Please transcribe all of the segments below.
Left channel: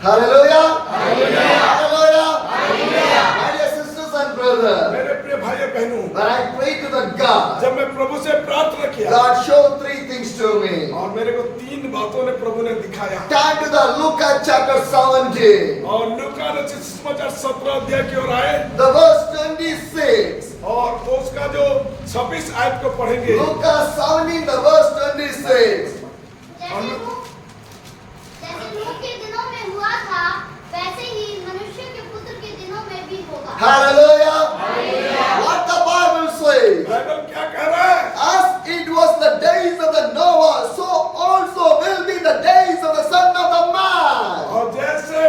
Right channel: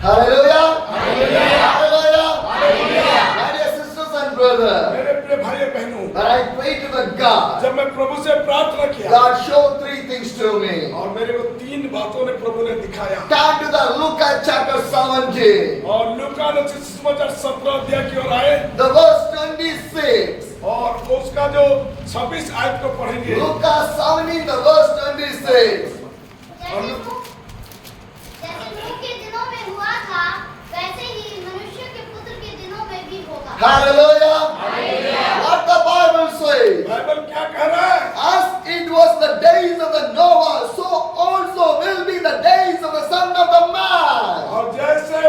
Hallelujah. Hallelujah. Hallelujah. Hallelujah. My dear sisters and brothers, मेरे प्रिय भाइयों बहनों, when I pray to the God, जब मैं प्रभु से प्रार्थना किया God showed three things to me. और मेरे को तीन बातों ने प्रभु ने दिखाया Turn to the Luke chapter 17, और लूका रचित सुसमाचार 17 अध्याय की ओर आए the verse 26. और उसका जो 26 आयत को पढ़ेंगे। Luke 17, the verse 26. जैसे नूह के दिनों में हुआ था वैसे ही मनुष्य के पुत्र के दिनों में भी होगा। Hallelujah. Hallelujah. What the Bible says. Bible क्या कह रहा है? As it was the days of the Noah, so also will be the days of the Son of the Man. और जैसे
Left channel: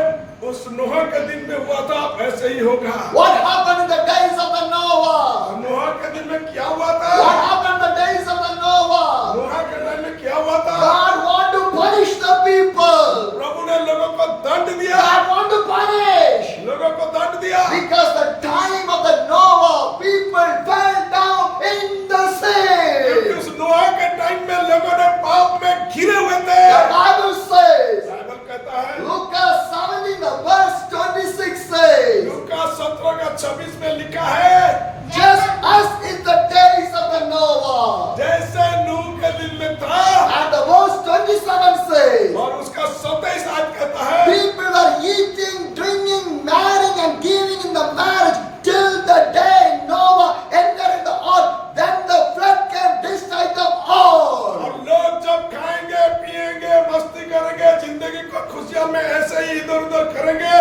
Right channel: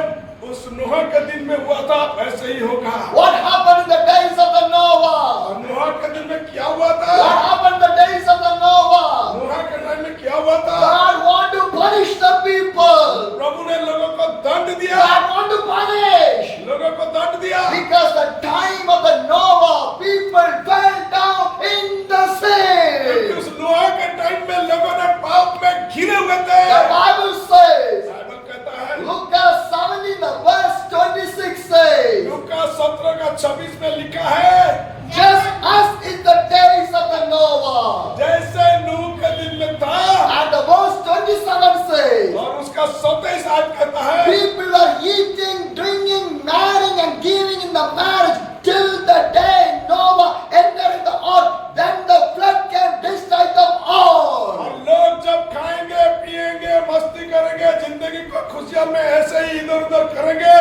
उस नूह के दिन में हुआ था ऐसे ही होगा। What happened in the days of the Noah? नूह के दिन में क्या हुआ What था? happened in the days of the Noah? नूह के दिन में क्या हुआ था? God want to punish the people. प्रभु ने लोगों को दंड दिया, God want to punish. लोगों को दंड दिया Because the time of the Noah, people fell down in the क्योंकि sin. उस नूह के टाइम में लोगों ने पाप में घिरे हुए थे। The Bible says, बाइबल कहता है Luke 17, the verse 26 says, लूका 17 का 26 में लिखा है just as in the days of the Noah. जैसे नूह के दिन में था And the verse 27 says, और उसका 27 आयत कहता है people are eating, drinking, marrying and giving in the marriage till the day Noah entered in the ark. Then the flood came, destroyed them all. और लोग जब खाएंगे पिएंगे मस्ती करेंगे जिंदगी को खुशियां में ऐसे ही इधर उधर करेंगे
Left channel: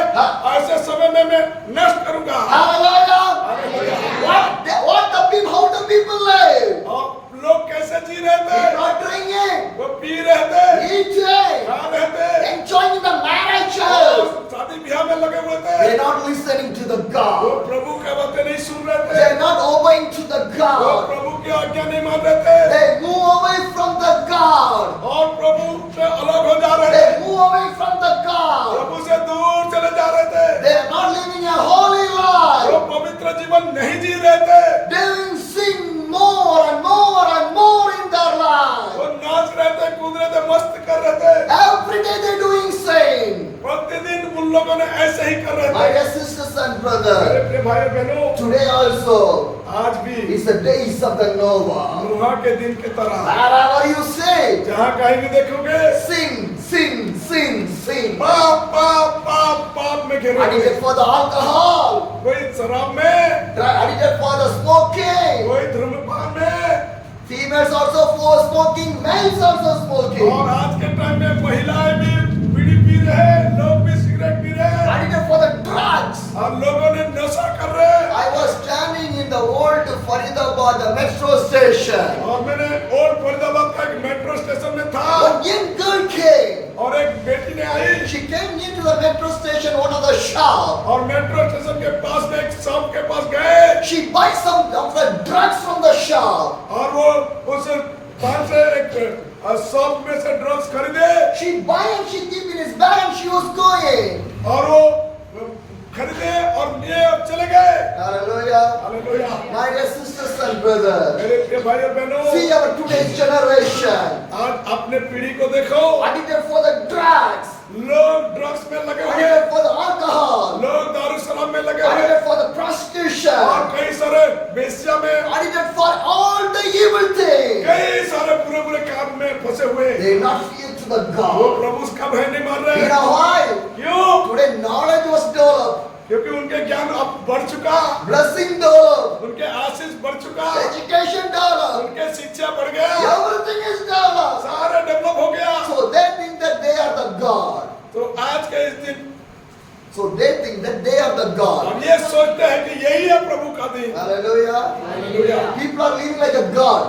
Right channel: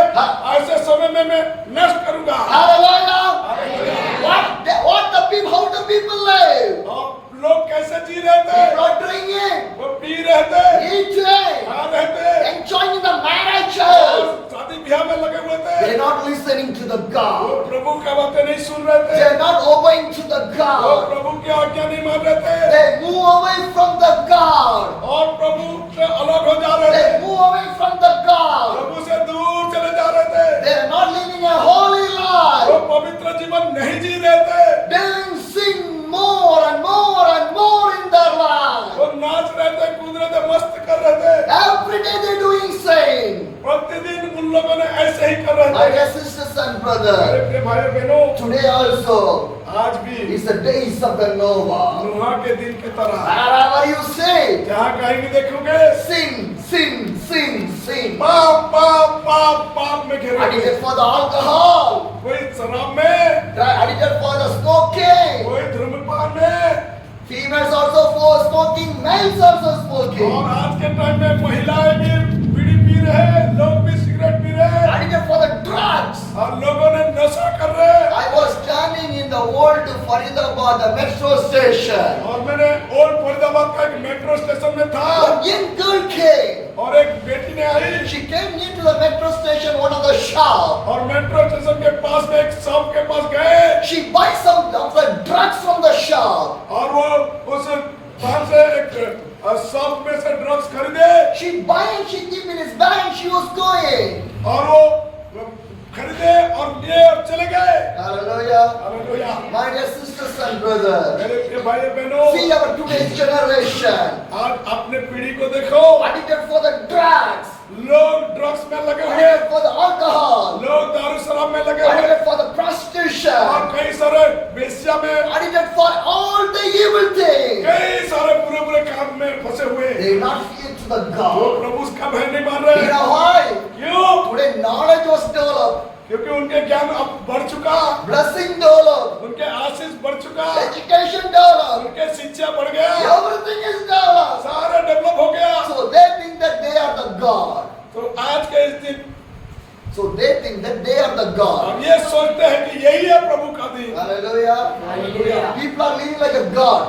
ऐसे समय में मैं नष्ट करूंगा। Hallelujah. What the people, how the people live? और लोग कैसे जी रहे थे? People are drinking, वो पी रहे थे, eating, खा रहे थे, enjoying the और marriages. शादी ब्याह में लगे हुए थे। They're not listening to the वो God. प्रभु की बातें नहीं सुन रहे थे, They're not obeying to the वो God. प्रभु की आज्ञा नहीं मान रहे थे They move away from the God. और प्रभु से अलग हो जा रहे थे, They move away from the God. प्रभु से दूर चले जा रहे थे, They're not living a holy वो life. पवित्र जीवन नहीं जी रहे थे, Doing sin more and more and more in their life. वो नाच रहे थे, कूद रहे थे, मस्त कर रहे थे। Every day they're doing sin. प्रतिदिन उन लोगों ने ऐसे ही कर रहे My थे। dear sisters and मेरे brothers, प्रिय भाई बहनों, today also आज भी is the days of the Noah. नूह के दिन की तरह Wherever you say, जहाँ कहीं भी देखोगे sin, sin, sin, sin. पाप पाप पाप पाप में घिरे हुए। Addicted for the alcohol, कोई शराब में, addicted for the smoking. कोई धूम्रपान में, Females also for smoking, males also smoking. और आज के टाइम में महिलाएं भी बीड़ी पी रहे हैं, लोग भी सिगरेट पी रहे हैं Addicted for the drugs. और लोगों ने नशा कर रहे हैं। I was standing in the old Faridabad, the metro station. और मैंने ओल्ड फरीदाबाद का एक मेट्रो स्टेशन में था One young girl came. और एक बेटी ने आई She came near to the metro station, one of the shop. और मेट्रो स्टेशन के पास में एक शॉप के पास गए She buys some of the drugs from the shop. और वो उस दुकान से एक शॉप में से ड्रग्स खरीदे She buy and she keep in his bag and she was going. और वो खरीदे और लिए और चले गए। Hallelujah. Hallelujah. My dear sisters and brothers, मेरे प्रिय भाई बहनों, see our today's generation. आज अपने पीढ़ी को देखो, Addicted for the drugs. लोग ड्रग्स में लगे हुए, Addicted for the alcohol. लोग दारू शराब में लगे हुए Addicted for the और prostitution. कई सारे वेश्या में, Addicted for all the evil things. कई सारे बुरे बुरे काम में फंसे हुए। They not fear to the वो God. प्रभु का भय नहीं मान You रहे। know why? क्यों? Today knowledge was developed. क्योंकि उनके ज्ञान अब बढ़ चुका, Blessing developed. उनके आशीष बढ़ चुका, Education developed. उनके शिक्षा बढ़ गया, Everything is developed. सारा डेवलप हो गया। So they think that they are the God. तो आज के इस दिन So they think that they are the God. हम ये सोचते हैं कि यही है प्रभु का दिन। Hallelujah. Hallelujah. People are living like a God.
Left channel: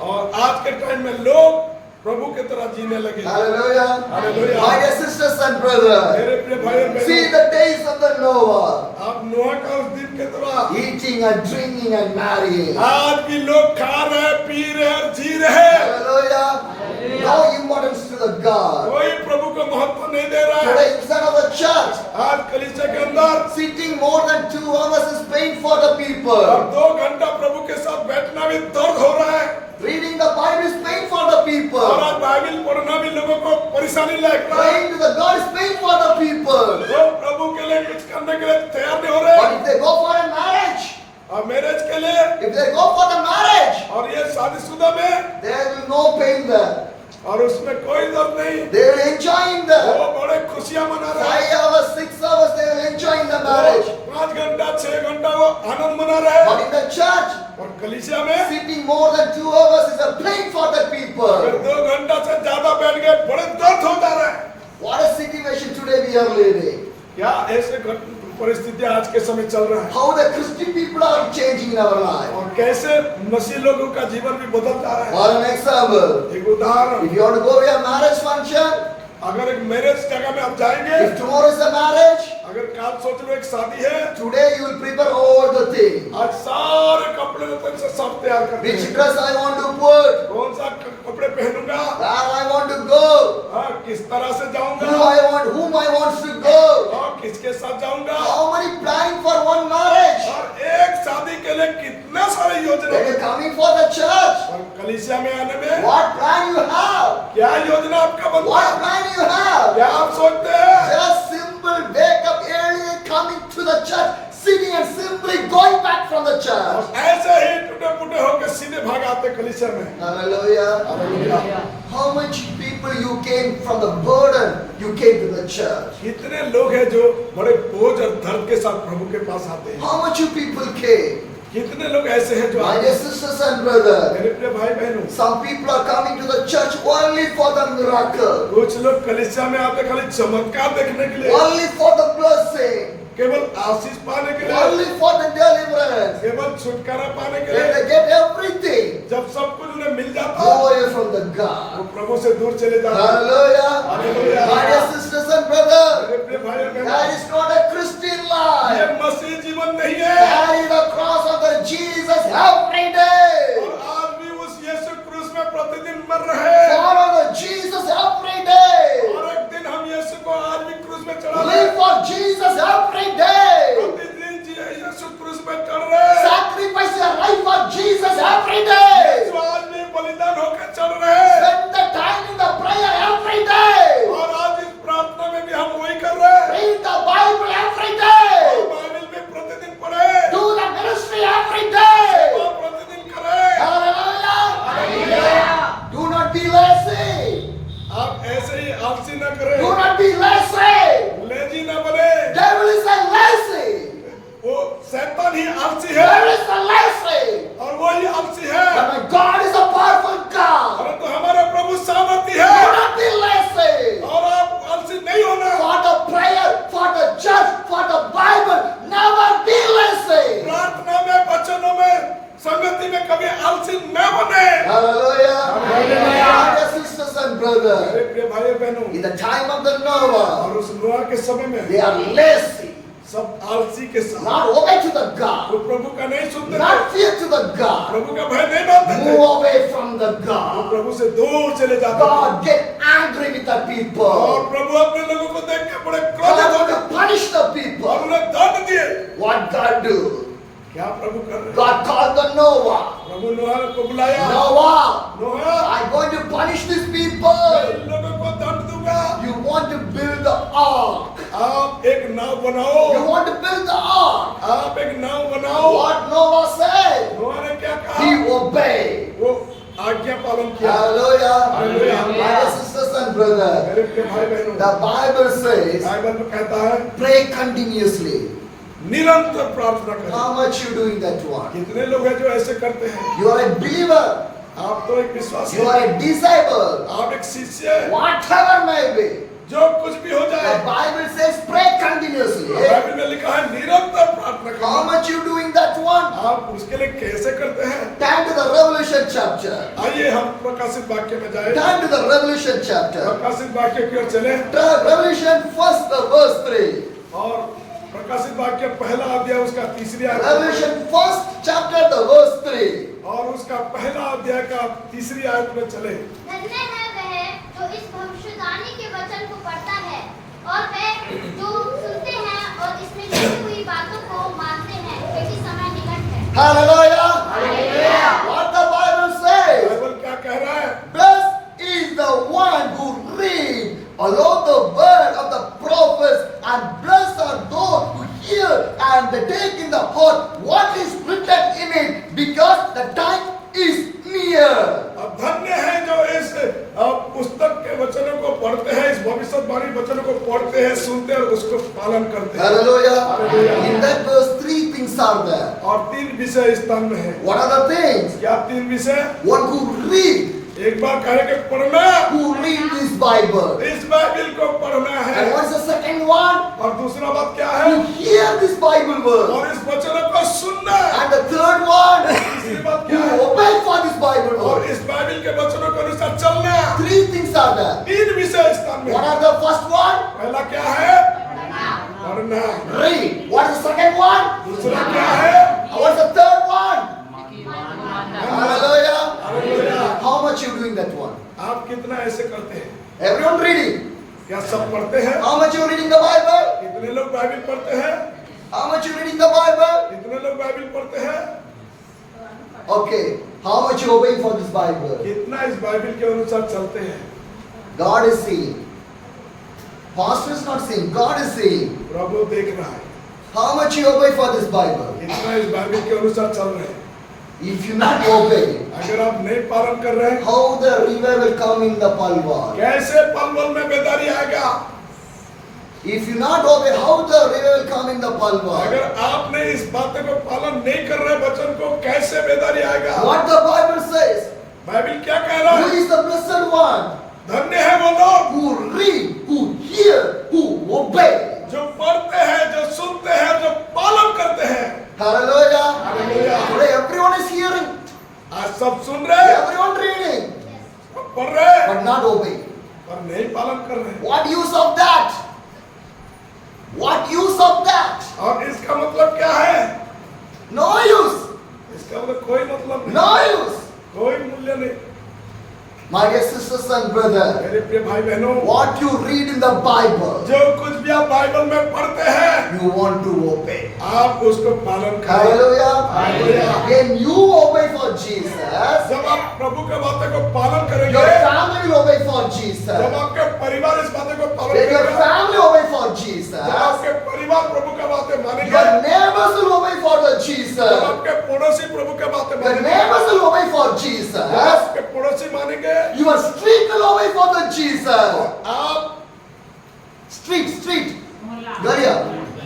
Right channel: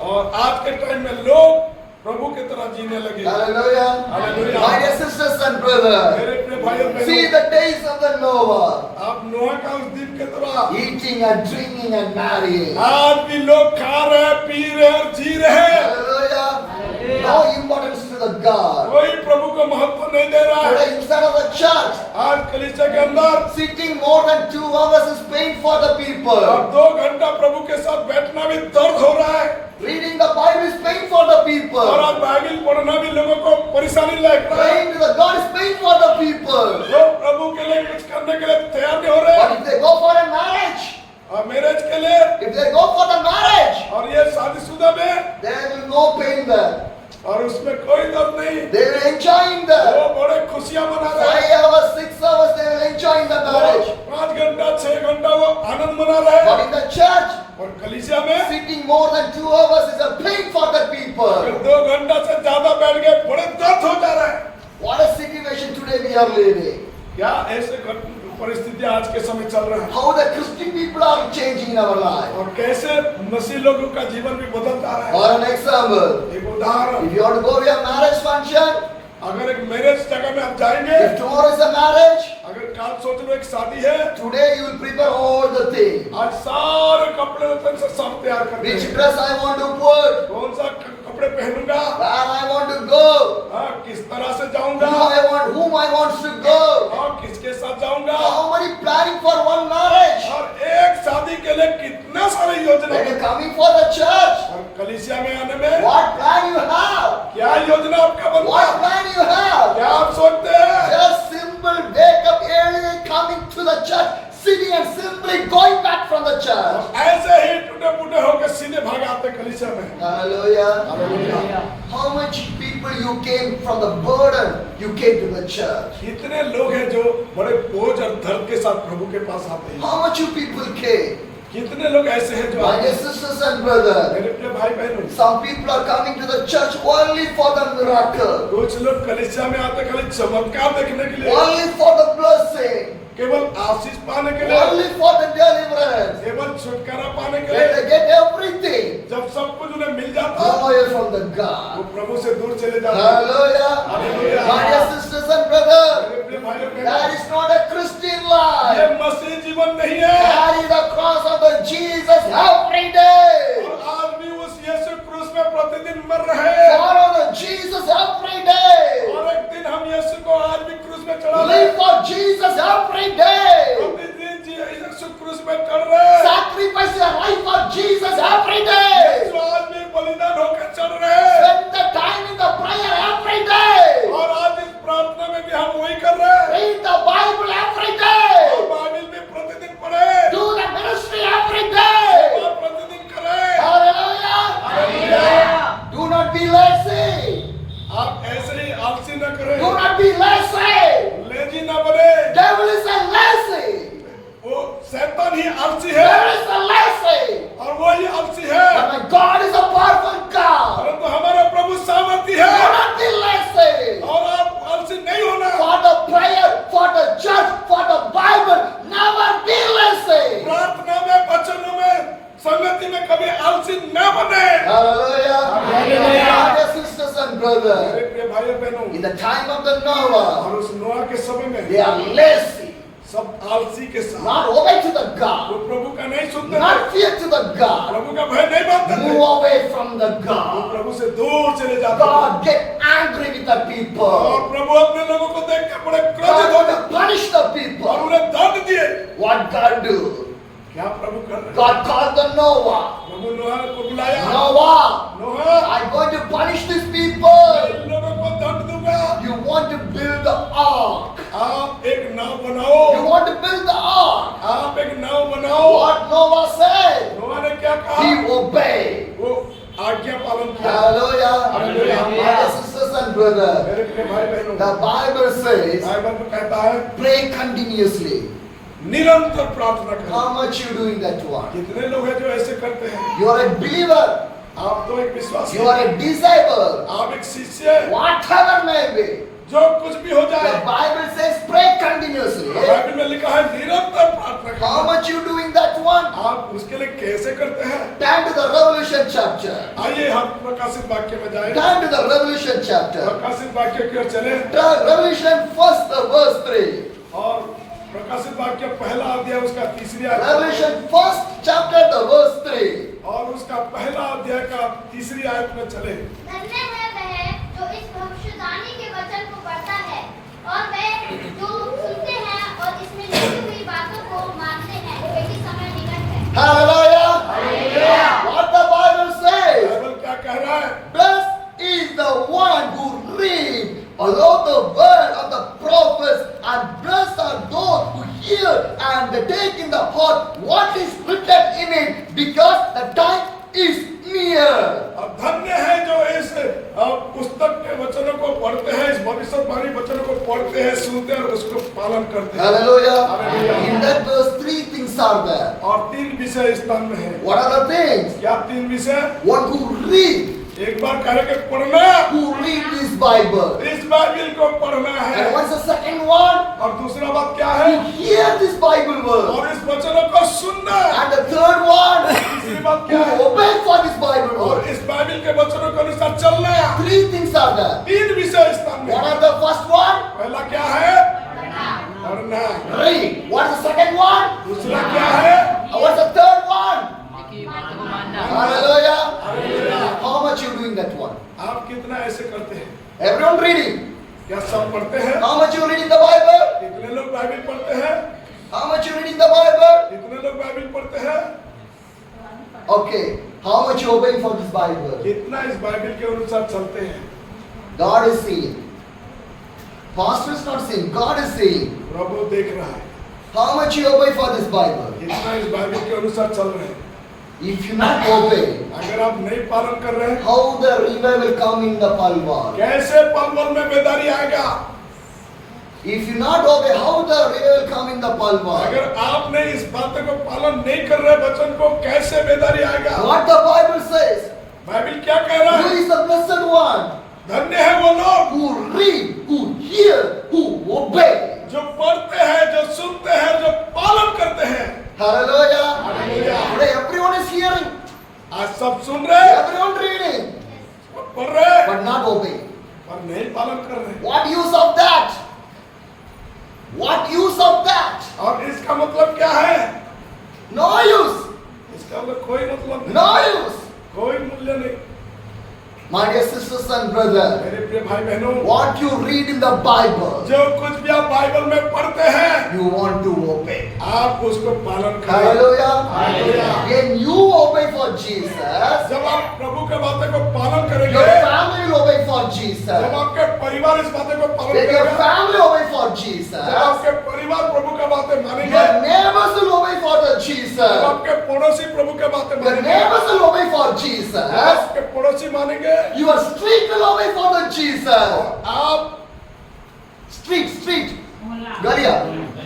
और आज के टाइम में लोग प्रभु की तरह जीने लगे। Hallelujah. Hallelujah. My dear sisters and brothers, मेरे प्रिय भाई और see बहनों, the days of the Noah, आप नोह का उस दिन के तरह eating and drinking and marrying. आज भी लोग खा रहे, पी रहे और जी रहे। Hallelujah. No importance to the God. कोई प्रभु को महत्व नहीं दे रहा है। Today inside of the church, आज कलीसिया के अंदर sitting more than 2 hours is pain for the people. अब 2 घंटा प्रभु के साथ बैठना भी दर्द हो रहा है Reading the Bible is pain for the और people. आज बाइबल पढ़ना भी लोगों को परेशानी लग रहा है। Praying to the God is pain for the people. situation today we are living? क्या ऐसे परिस्थितियां आज के समय चल रहा है How the Christian people are changing in our life? और कैसे मसीह लोगों का जीवन भी बदलता है। For an example, एक उदाहरण, if you want to go to a marriage function, अगर एक मैरिज जगह में आप जाएंगे, if tomorrow is a marriage, अगर काल सोच में एक शादी है, today you will prepare all the things. आज सारे कपड़े लत्ते से सब तैयार करते Which हैं। dress I want to put? कौन सा कपड़े पहनूंगा, Where I want to go? हाँ, किस तरह से जाऊंगा, Whom I want to go? और किसके साथ जाऊंगा, How many planning for one marriage? और एक शादी के लिए कितना सारे योजना When है। you're coming for the church, और कलीसिया में आने में what plan you have? क्या योजना आपका बनता What है? plan you have? क्या आप सोचते हैं? Just simple wake up early, coming to the church, sitting and simply going back from the church. ऐसे ही टूटे फूटे होकर सीधे भाग आते कलीसिया में। Hallelujah. How much people you came from the burden, you came to the church. कितने लोग हैं जो बड़े बोझ और दर्द के साथ प्रभु के पास आते हैं। How much you people came? कितने लोग ऐसे हैं जो My आते dear हैं। sisters and brothers, मेरे प्रिय भाई बहनों, some people are coming to the church only for the miracle, कुछ लोग कलीसिया में आते खाली चमत्कार देखने के लिए, only for the blessing, केवल आशीष पाने के लिए, only for the deliverance. केवल छुटकारा पाने के When लिए। they get everything, जब सब कुछ उन्हें मिल जाता go है, away from the वो God. प्रभु से दूर चले जाते हैं। Hallelujah. Hallelujah. My dear sisters and brothers, मेरे प्रिय भाई that बहनों, is not a Christian ये life. मसीह जीवन नहीं है। Carry the cross of the Jesus every day. और आज भी उस यीशु क्रूस में प्रतिदिन मर रहे हैं। Follow the Jesus every day. और एक दिन हम यीशु को आज भी क्रूस में चढ़ा रहे Live हैं। for Jesus every day. प्रतिदिन यीशु क्रूस में चढ़ रहे हैं। Sacrifice your life for Jesus every day. यीशु आज भी बलिदान होकर चढ़ रहे हैं। Spend the time in the prayer every day. और आज इस प्रार्थना में भी हम वही कर रहे हैं। Read the Bible every और day. बाइबल भी प्रतिदिन पढ़े। Do the ministry every day. और प्रतिदिन करें। Hallelujah. Do not be lazy. आप ऐसे ही आलसी न करें। Do not be lazy. Lazy न बने। Devil is a lazy. वो शैतान ही आलसी है There is a lazy. और वही आलसी है। But my God is a powerful God. परंतु हमारे प्रभु सामर्थी है। Do not be lazy. और आप आलसी नहीं होना। For the prayer, for the church, for the Bible, never be lazy. प्रार्थना में, वचनों में, संगति में कभी आलसी न बने। Hallelujah. Hallelujah. Dear sisters and brothers, मेरे प्रिय भाई बहनों, in the time of the Noah, और उस नोआ के समय में they are lazy. सब आलसी के साथ Not obey to the वो God. प्रभु का नहीं सुनते थे। Not fear to the God. प्रभु का भय नहीं मानते थे। Move away from the वो God. प्रभु से दूर चले जाते थे। God get angry with the और people. प्रभु अपने लोगों को देख के बड़े God क्रोधित हो want गए to punish the और people. उन्हें दंड दिए। What God do? क्या प्रभु कर रहे हैं? God called the Noah. प्रभु नोआ को बुलाया। Noah, नोआ, I'm going to punish these people. इन लोगों को दंड दूंगा। You want to build the ark. आप एक नाव बनाओ। You want to build the ark. आप एक नाव बनाओ। What Noah said? नोआ ने क्या कहा? He obeyed. वो आज्ञा पालन किया। Hallelujah. Hallelujah. My dear sisters and brothers, मेरे प्रिय भाई बहनों, the Bible says, बाइबल में कहता है pray continuously. निरंतर प्रार्थना करें। How much you doing that one? कितने लोग हैं जो ऐसे करते हैं? You are a believer. आप तो एक विश्वासी You are हैं। a disciple. आप एक शिष्य हैं। Whatever may be. जो कुछ भी हो The जाए, Bible says pray continuously. Bible में लिखा है निरंतर प्रार्थना How करें। much you doing that one? आप उसके लिए कैसे करते हैं? Turn to the Revelation chapter. आइए हम प्रकाशित वाक्य में जाए। Turn to the Revelation chapter. प्रकाशित वाक्य की ओर चले Turn Revelation first verse 3. और प्रकाशित वाक्य पहला अध्याय उसका तीसरी आयत Revelation first chapter the verse 3. और उसका पहला अध्याय का तीसरी आयत में चले। धन्य है वह जो इस भविष्यवाणी के वचन को पढ़ता है और वह जो सुनते हैं और इसमें लिखी हुई बातों को मानते हैं, क्योंकि समय निकट है। Hallelujah. Hallelujah. What the Bible says? Bible क्या कह रहा है? Blessed is the one who read along the word of the prophets, and blessed are those who hear and they take in the heart what is written in it, because the time is near. अब धन्य है जो इस पुस्तक के वचनों को पढ़ते हैं, इस भविष्यवाणी वचनों को पढ़ते हैं, सुनते हैं और उसको पालन करते हैं। Hallelujah. Hallelujah. In that verse, three things are there. और तीन विषय इस स्थान में है। What are the things? क्या तीन विषय? What who read, एक बार कहेंगे पढ़ना, who read this Bible. इस बाइबल को पढ़ना है। And what is the second one? और दूसरा बात क्या है? Who hear this Bible verse. और इस वचनों को सुनना। And the third one, तीसरी बात क्या who है? obey for this Bible और verse. इस बाइबल के वचनों के अनुसार चलना। 3 things are there. तीन विषय इस स्थान में। What are the first one? पहला क्या है? पढ़ना। Read. What is the second one? दूसरा क्या है? And what's the third one? Hallelujah. How much you doing that one? आप कितना ऐसे करते हैं? Everyone reading. क्या सब पढ़ते हैं? How much you reading the Bible? कितने लोग बाइबल पढ़ते हैं? How much you reading the Bible? कितने लोग बाइबल पढ़ते हैं? Okay. How much you obeying for this Bible? कितना इस बाइबल के अनुसार चलते हैं? God is seeing. Pastor is not seeing. God is seeing. प्रभु देख रहा है। How much you obey for this Bible? कितना इस बाइबल के अनुसार चल रहे हैं? If you not obey, अगर आप नहीं पालन कर रहे हैं, how the river will come in the Palwal? कैसे पलवल में बेदारी आएगा? If you not obey, how the river will come in the Palwal? अगर आपने इस बात को पालन नहीं कर रहे वचन को, कैसे बेदारी आएगा? What the Bible says? Bible क्या कह रहा Who है? is the blessed one? धन्य है वो लोग Who read, who hear, who obey. जो पढ़ते हैं, जो सुनते हैं, जो पालन करते हैं। Hallelujah. Hallelujah. Today everyone is hearing, आज सब सुन रहे हैं, everyone reading, सब पढ़ रहे हैं, but not obeying. पर नहीं पालन कर रहे हैं। What use of that? What use of that? और इसका मतलब क्या है? No use. इसका मतलब कोई मतलब नहीं, No use. कोई मूल्य नहीं। My dear sisters and brothers, मेरे प्रिय भाई बहनों, what you read in the Bible, जो कुछ भी आप बाइबल में पढ़ते हैं, you want to obey. आप उसको पालन करें। Hallelujah. Hallelujah. When you obey for Jesus, जब आप प्रभु के बातों को पालन करेंगे, your family will obey for जब Jesus. आपके परिवार इस बातों को पालन When your करेंगे, family obey for जब Jesus, आपके परिवार प्रभु का बातें मानेंगे, your neighbors will obey for the जब Jesus. आपके पड़ोसी प्रभु के बातें The मानेंगे, neighbors will obey for जब Jesus. आपके पड़ोसी मानेंगे, Your street will obey for the Jesus. आप Street. Galia.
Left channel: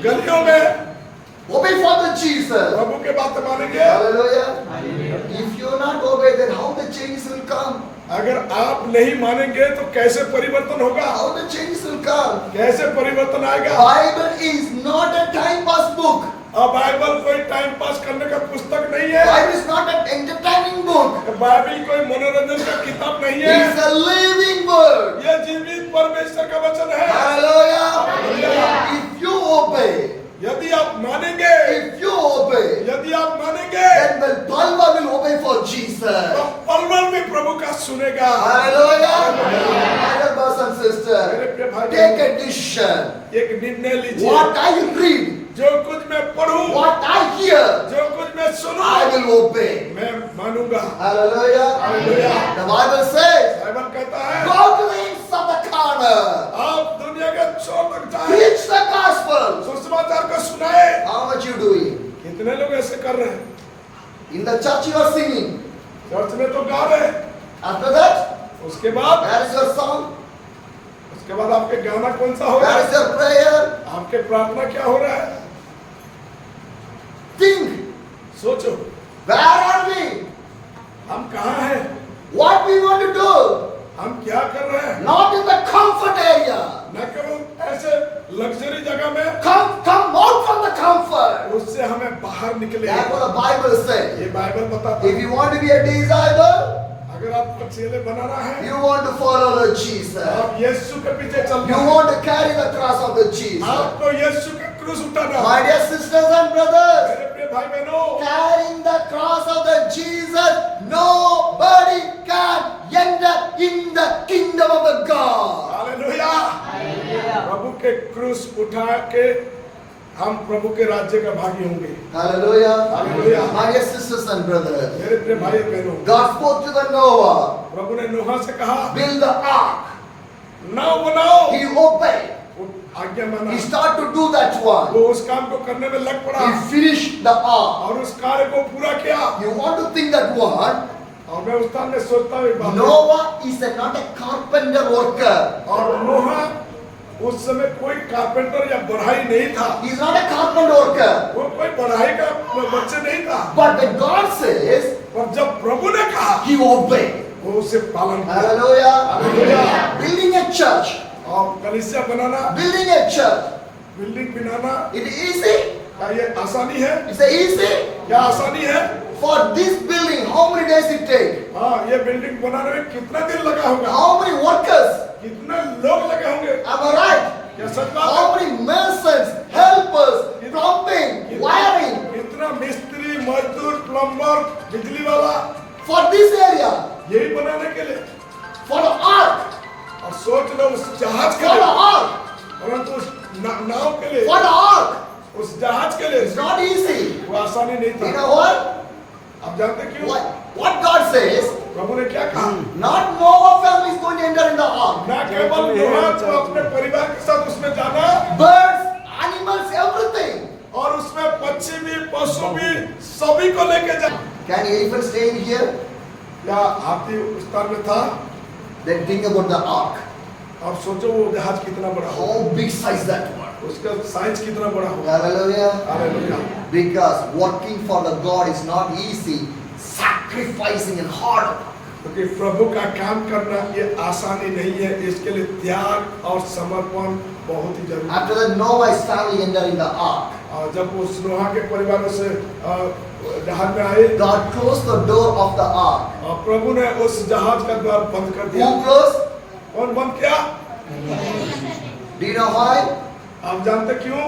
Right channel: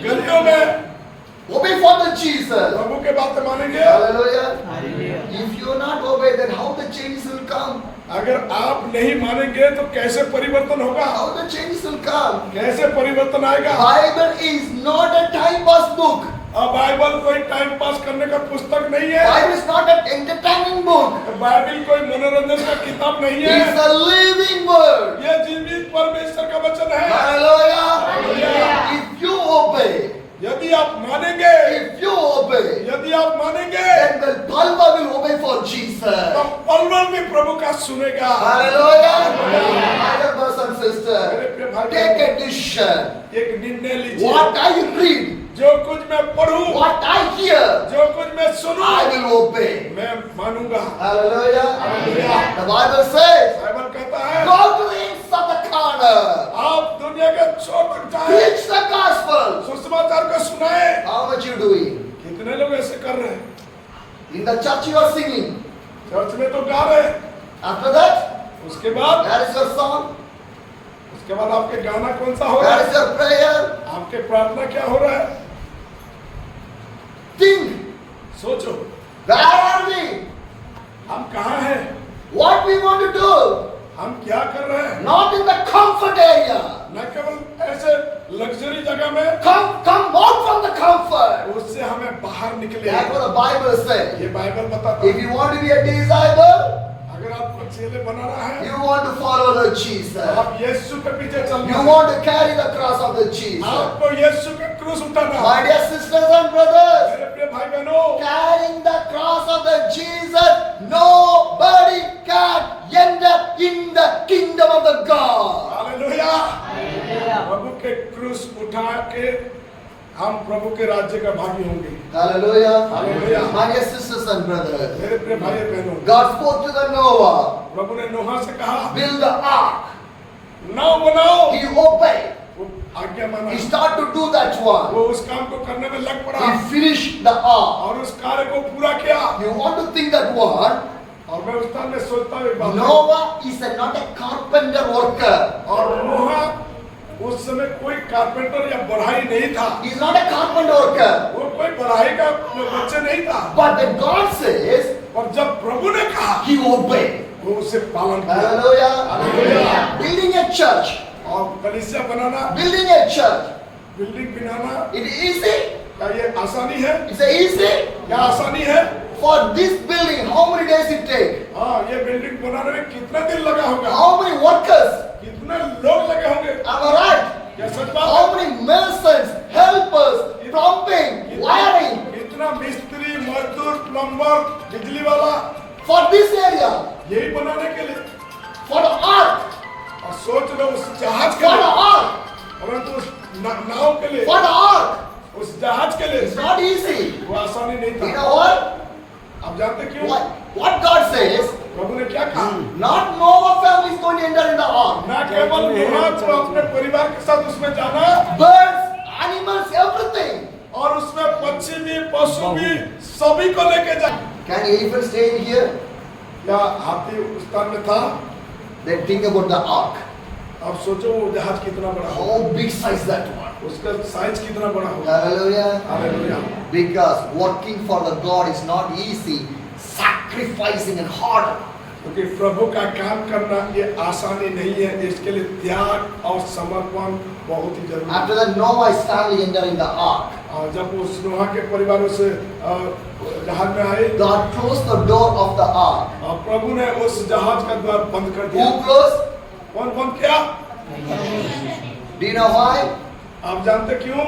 गलियों में Obey for the Jesus. प्रभु के बातें मानेंगे। Hallelujah. If you not obey, then how the changes will come? अगर आप नहीं मानेंगे तो कैसे परिवर्तन होगा? How the changes will come? कैसे परिवर्तन आएगा? Bible is not a time pass book. अब बाइबल कोई टाइम पास करने का पुस्तक नहीं है, Bible is not an entertaining book. Bible कोई मनोरंजन का किताब नहीं It is है, a living word. यह जीवित परमेश्वर का वचन है। Hallelujah. If you obey, यदि आप मानेंगे, if you obey, यदि आप मानेंगे, then the Palva will obey for Jesus. तो पलवल में प्रभु का सुनेगा। Hallelujah. My dear brothers and मेरे sisters, प्रिय भाई take बहनों, a decision. एक निर्णय लीजिए। What I read, जो कुछ मैं पढ़ूं, what I hear, जो कुछ मैं सुनूं, I will obey. मैं मानूंगा। Hallelujah. Hallelujah. The Bible says, Bible कहता है, go to the ends of the corner. आप दुनिया के छोर तक जाएं, Preach the gospel. सुसमाचार को सुनाए। How much you doing? कितने लोग ऐसे कर रहे हैं? In the church you are singing. Church में तो गा रहे हैं, After that, उसके बाद where is your song? उसके बाद आपके गाना कौन सा हो रहा Where है? is your prayer? आपके प्रार्थना क्या हो रहा है? Think. सोचो, Where are we? हम कहाँ हैं? What we want to do? हम क्या कर रहे हैं? Not in the comfort area. न केवल ऐसे लग्जरी जगह में, Come out from the comfort. उससे हमें बाहर निकले। That's what the Bible says. ये बाइबल बताता है। If you want to be a disciple, अगर आपको चेले बनाना है, you want to follow the Jesus. आप यीशु के पीछे चलना You है। want to carry the cross of the Jesus. आपको यीशु का क्रूस उठाना My है। dear sisters and brothers, मेरे प्रिय भाई बहनों, carrying the cross of the Jesus, nobody can enter in the kingdom of the God. Hallelujah. प्रभु के क्रूस उठा के हम प्रभु के राज्य का भागी होंगे। Hallelujah. Hallelujah. My dear sisters and brothers, मेरे प्रिय भाई बहनों, God spoke to the Noah, प्रभु ने नोहा से कहा, build the ark. नाव बनाओ। He obeyed. वो आज्ञा माना, He started to do that one. वो उस काम को करने में लग पड़ा He finished the ark. और उस कार्य को पूरा किया। You want to think that one? और मैं उस स्थान में सोचता हूँ एक बात, Noah is not a carpenter worker. और नोहा उस समय कोई कारपेंटर या बढ़ाई नहीं था, He is not a carpenter worker. वो कोई बढ़ाई का बच्चा नहीं था। But when God says, और जब प्रभु ने कहा, he obeyed. वो उसे पालन किया। Hallelujah. Hallelujah. Building a church. और कलीसिया बनाना, Building a church. Building banana, It is easy. क्या ये आसानी है? It's easy. क्या आसानी है? For this building, how many days it take? हाँ, ये बिल्डिंग बनाने में कितना दिन लगा होगा? How many workers? कितने लोग लगे होंगे? Am I right? क्या सच बात है? How many masons, helpers, plumbing, wiring इतना मिस्त्री, मजदूर, प्लम्बर, बिजली वाला, for this area? यही बनाने के लिए। For the ark. और सोच लो उस जहाज के For the लिए, ark. परंतु उस नाव के लिए, For the ark. उस जहाज के लिए It's not easy. वो आसानी नहीं You था। know what? आप जानते क्यों? What God says, प्रभु ने क्या कहा? not Noah family is going to enter in the ark. ना केवल नोहा को अपने परिवार के साथ उसमें जाना, Birds, animals, everything. और उसमें पक्षी भी, पशु भी, सभी को लेके जा। Can elephant stay in here? क्या हाथी उस स्थान में था? Then think about the ark. अब सोचो वो जहाज कितना बड़ा हो, How big size that one? उसका साइज कितना बड़ा होगा। Hallelujah. Hallelujah. Because working for the God is not easy. Sacrificing and hard. क्योंकि प्रभु का काम करना ये आसानी नहीं है, इसके लिए त्याग और समर्पण बहुत ही जरूरी है। After that, Noah's family entered in the ark. और जब उस नोहा के परिवार से जहाज में आए, God closed the door of the ark. और प्रभु ने उस जहाज का द्वार बंद कर दिया। Who closed? कौन बंद किया? Do you know why? आप जानते क्यों?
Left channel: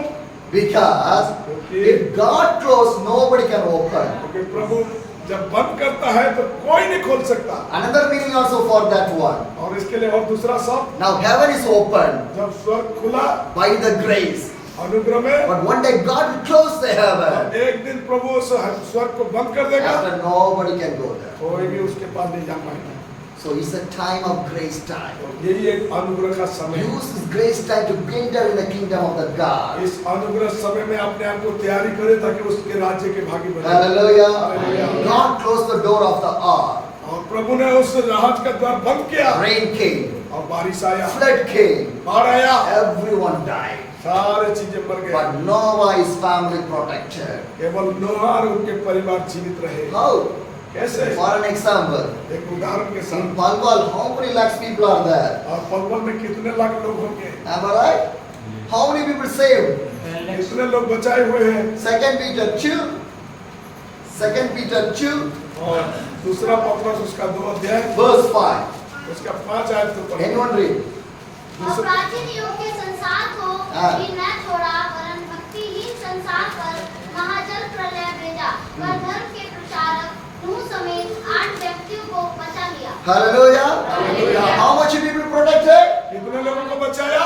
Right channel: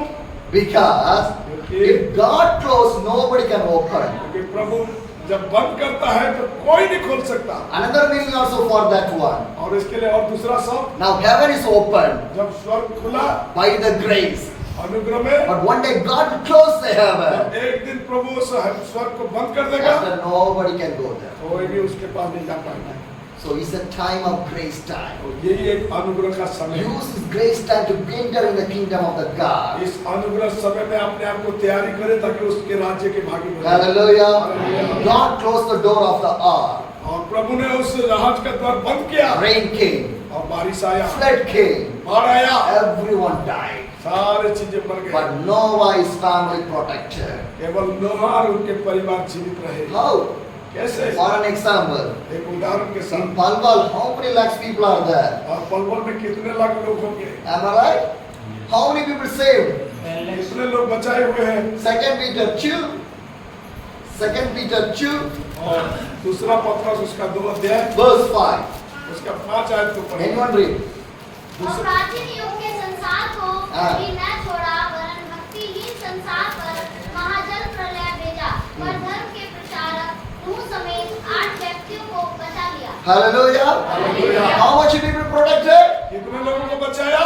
Because if God closed, nobody can open. क्योंकि प्रभु जब बंद करता है तो कोई नहीं खोल सकता। Another meaning also for that one. और इसके लिए और दूसरा शब्द, Now heaven is open जब स्वर्ग खुला by the grace. अनुग्रह में, But one day God will close the heaven. एक दिन प्रभु उस स्वर्ग को बंद कर देगा, After nobody can go there. कोई भी उसके पास नहीं जा पाएगा। So it's a time of grace time. यही एक अनुग्रह का समय है। Use this grace time to enter in the kingdom of the God. इस अनुग्रह समय में अपने आप को तैयारी करे ताकि उसके राज्य के भागी बने। Hallelujah. Hallelujah. God closed the door of the ark. और प्रभु ने उस जहाज का द्वार बंद किया, Rain came. और बारिश आया, Flood came. बाढ़ आया, Everyone died. सारे चीजें मर गए, But Noah's family protected. केवल नोहा और उनके परिवार जीवित रहे। How? कैसे? For an example, एक उदाहरण के in साथ, Palwal, how many lakhs people are there? और पलवल में कितने लाख लोग होंगे? Am I right? How many people saved? कितने लोग बचाए हुए हैं? Second Peter 2. Second Peter 2, और दूसरा पत्रस उसका 2 अध्याय verse 5. उसका 5 आयत को पढ़ो। Anyone read? और प्राचीन युग के संसार को हाँ। भी न छोड़ा, वरन भक्तिहीन संसार पर महाजल प्रलय भेजा, पर धर्म के प्रचारक नूह समेत 8 व्यक्तियों को बचा लिया। Hallelujah. Hallelujah. How much people protected? कितने लोगों को बचाया?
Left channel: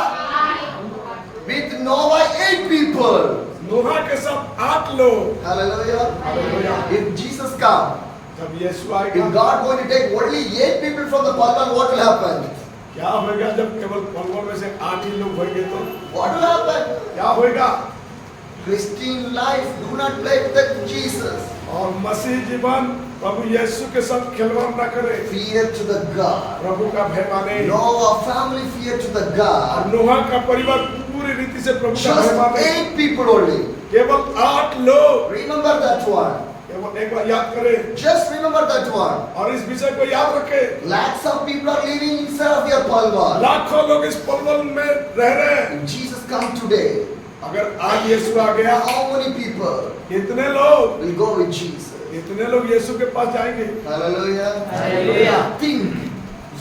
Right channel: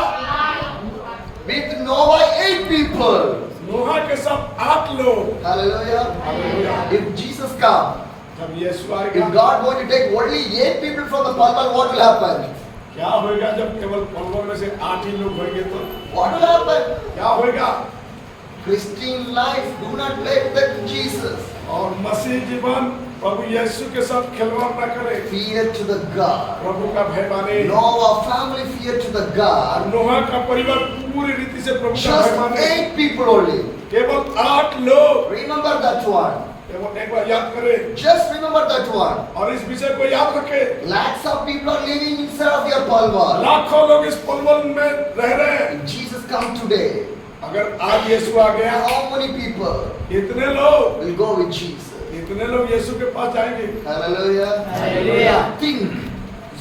With Noah, 8 people. नोहा के साथ 8 लोग। Hallelujah. Hallelujah. If Jesus come, जब यीशु if आएगा, God going to take only 8 people from the Palwal, what will happen? क्या होगा जब केवल पलवल में से 8 ही लोग होंगे तो What will happen? क्या होगा? Christian life, do not play with Jesus. और मसीह जीवन प्रभु यीशु के साथ खिलवाड़ न करे, Fear to the God. प्रभु का भय माने। Noah family fear to the और God. नोहा का परिवार पूरी रीति से प्रभु का Just भय माने। 8 people only. केवल 8 लोग। Remember that one. केवल एक बार याद करें Just remember that one. और इस विषय को याद रखें। Lakhs of people are living inside of your Palwal. लाखों लोग इस पलवल में रह रहे हैं। If Jesus come today, अगर आज यीशु आ गया, how many people कितने लोग will go with Jesus? कितने लोग यीशु के पास जाएंगे? Hallelujah. Hallelujah. Think,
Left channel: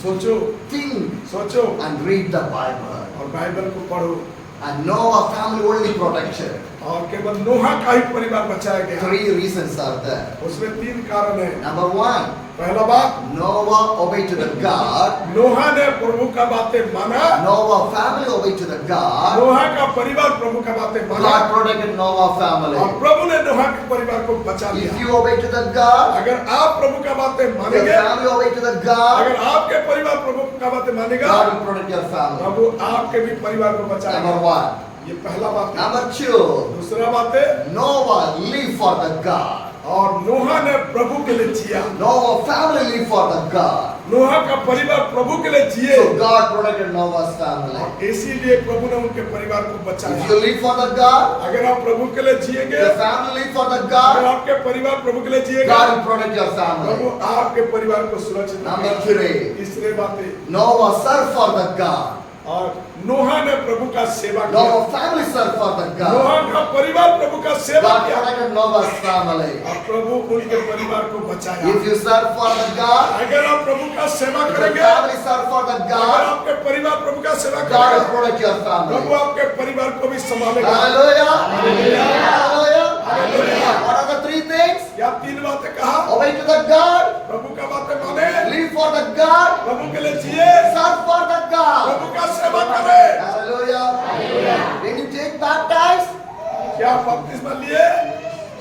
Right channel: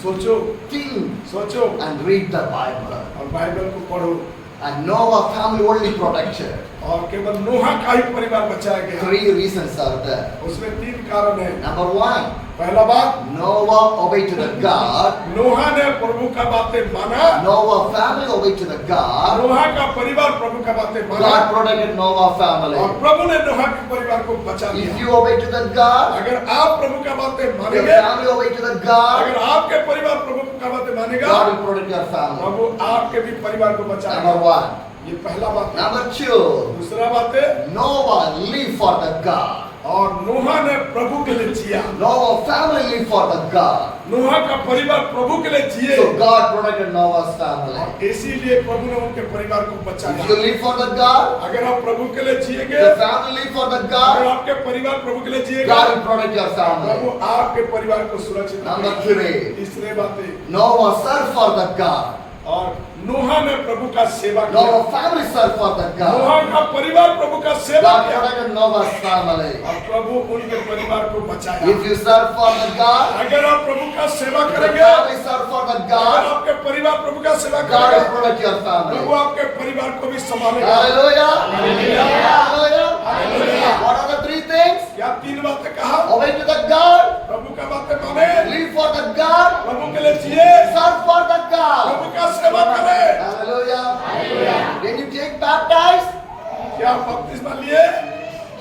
सोचो, think सोचो and read the Bible. और बाइबल को पढ़ो। And Noah family only protected. और केवल नोहा का ही परिवार बचाया गया। 3 reasons are there. उसमें 3 कारण है। Number 1, पहला बात, Noah obeyed to the God. नोहा ने प्रभु का बातें माना। Noah family obeyed to the God. नोहा का परिवार प्रभु का बातें माना God protected Noah family. और प्रभु ने नोहा के परिवार को बचा If लिया। you obey to the God, अगर आप प्रभु का बातें your मानेंगे, family obey to the God, अगर आपके परिवार प्रभु का बातें मानेगा, God will protect your family. प्रभु आपके भी परिवार को बचाएगा। Number 1. ये पहला बात है। Number 2, दूसरा बात है, Noah lived for the God. और नोहा ने प्रभु के लिए जिया। Noah family lived for the God. नोहा का परिवार प्रभु के लिए जिए, So God protected Noah's family. इसीलिए प्रभु ने उनके परिवार को If बचाया। you live for the God, अगर आप प्रभु के लिए जिएंगे, your family live for the अगर God, आपके परिवार प्रभु के लिए जिएगा, God will protect your Prabhu family. आपके परिवार को सुरक्षित Number रखेगा। 3, तीसरे बातें, Noah served for the God. और नोहा ने प्रभु का सेवा किया। Noah's family served for the Noah God. का परिवार प्रभु का सेवा God किया, protected Noah's family. और प्रभु उनके परिवार को बचाया। If you serve for the God, अगर आप प्रभु का सेवा if your करेंगे, family serve for the अगर God, आपके परिवार प्रभु का सेवा God will करेगा, protect your प्रभु family. आपके परिवार को भी संभालेगा। Hallelujah. Hallelujah. Hallelujah. Hallelujah. What are the 3 things? क्या तीन बातें कहा? Obey to the God, प्रभु का बातें माने, live for the God, प्रभु के लिए जिए, serve for the God. प्रभु का सेवा करे। Hallelujah. When you take baptized, क्या आप बपतिस्मा लिए?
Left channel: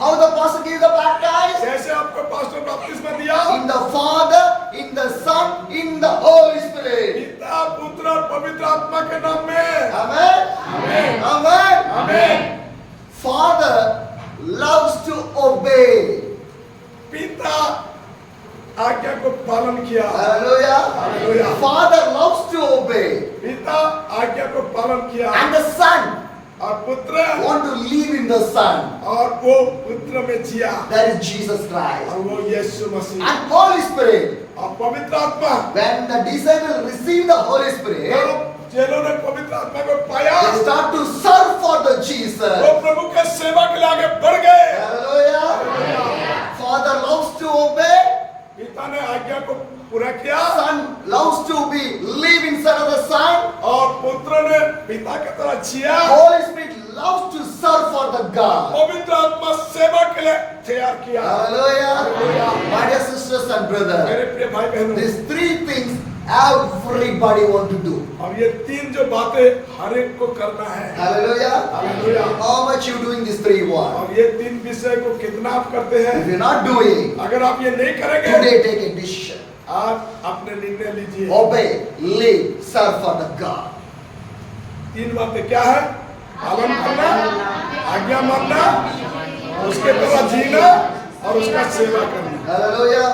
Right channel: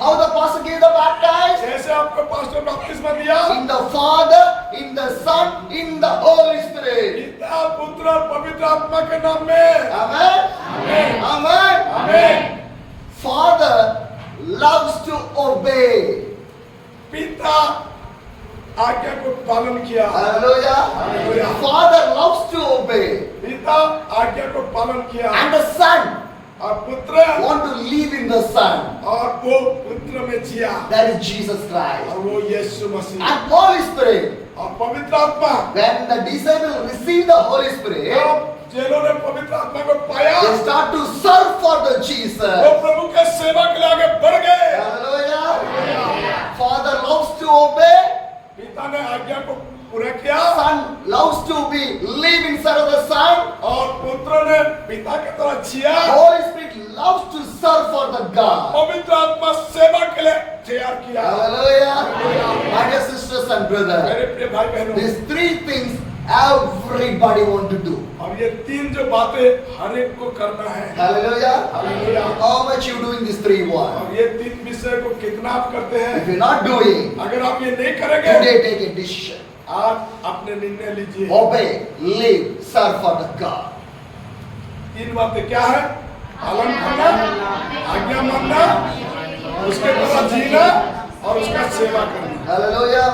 how the pastor gave the baptized? कैसे आपको पास्टर बपतिस्मा दिया? In the Father, in the Son, in the Holy Spirit. पिता, पुत्र और पवित्र आत्मा के नाम में। Amen. आमीन। Amen. आमीन। Father loves to obey. पिता आज्ञा को पालन किया। Hallelujah. Hallelujah. Father loves to obey. पिता आज्ञा को पालन किया, And the Son और पुत्र want to live in the Son. और वो पुत्र में जिया, That is Jesus Christ. और वो यीशु मसीह And Holy Spirit. और पवित्र आत्मा। When the disciples receive the Holy Spirit, जब चेलों ने पवित्र आत्मा को पाया, they start to serve for the Jesus. वो प्रभु के सेवा के लिए आगे बढ़ गए। Hallelujah. Father loves to obey. पिता ने आज्ञा को पूरा किया, Son loves to be live inside of the Son. और पुत्र ने पिता की तरह जिया। Holy Spirit loves to serve for the God. पवित्र आत्मा सेवा के लिए तैयार किया। Hallelujah. My dear sisters and brothers, मेरे प्रिय भाई बहनों, these 3 things everybody want to do. अब ये तीन जो बातें हर एक को करना है। Hallelujah. Hallelujah. How much you doing this 3-1? अब ये तीन विषय को कितना आप करते हैं? If you're not doing, अगर आप ये नहीं करेंगे, today take a decision. आज अपने निर्णय लीजिए। Obey, live, serve for the God. तीन बातें क्या है? पालन करना, आज्ञा मानना, उसके द्वारा जीना और उसका सेवा करना। Hallelujah.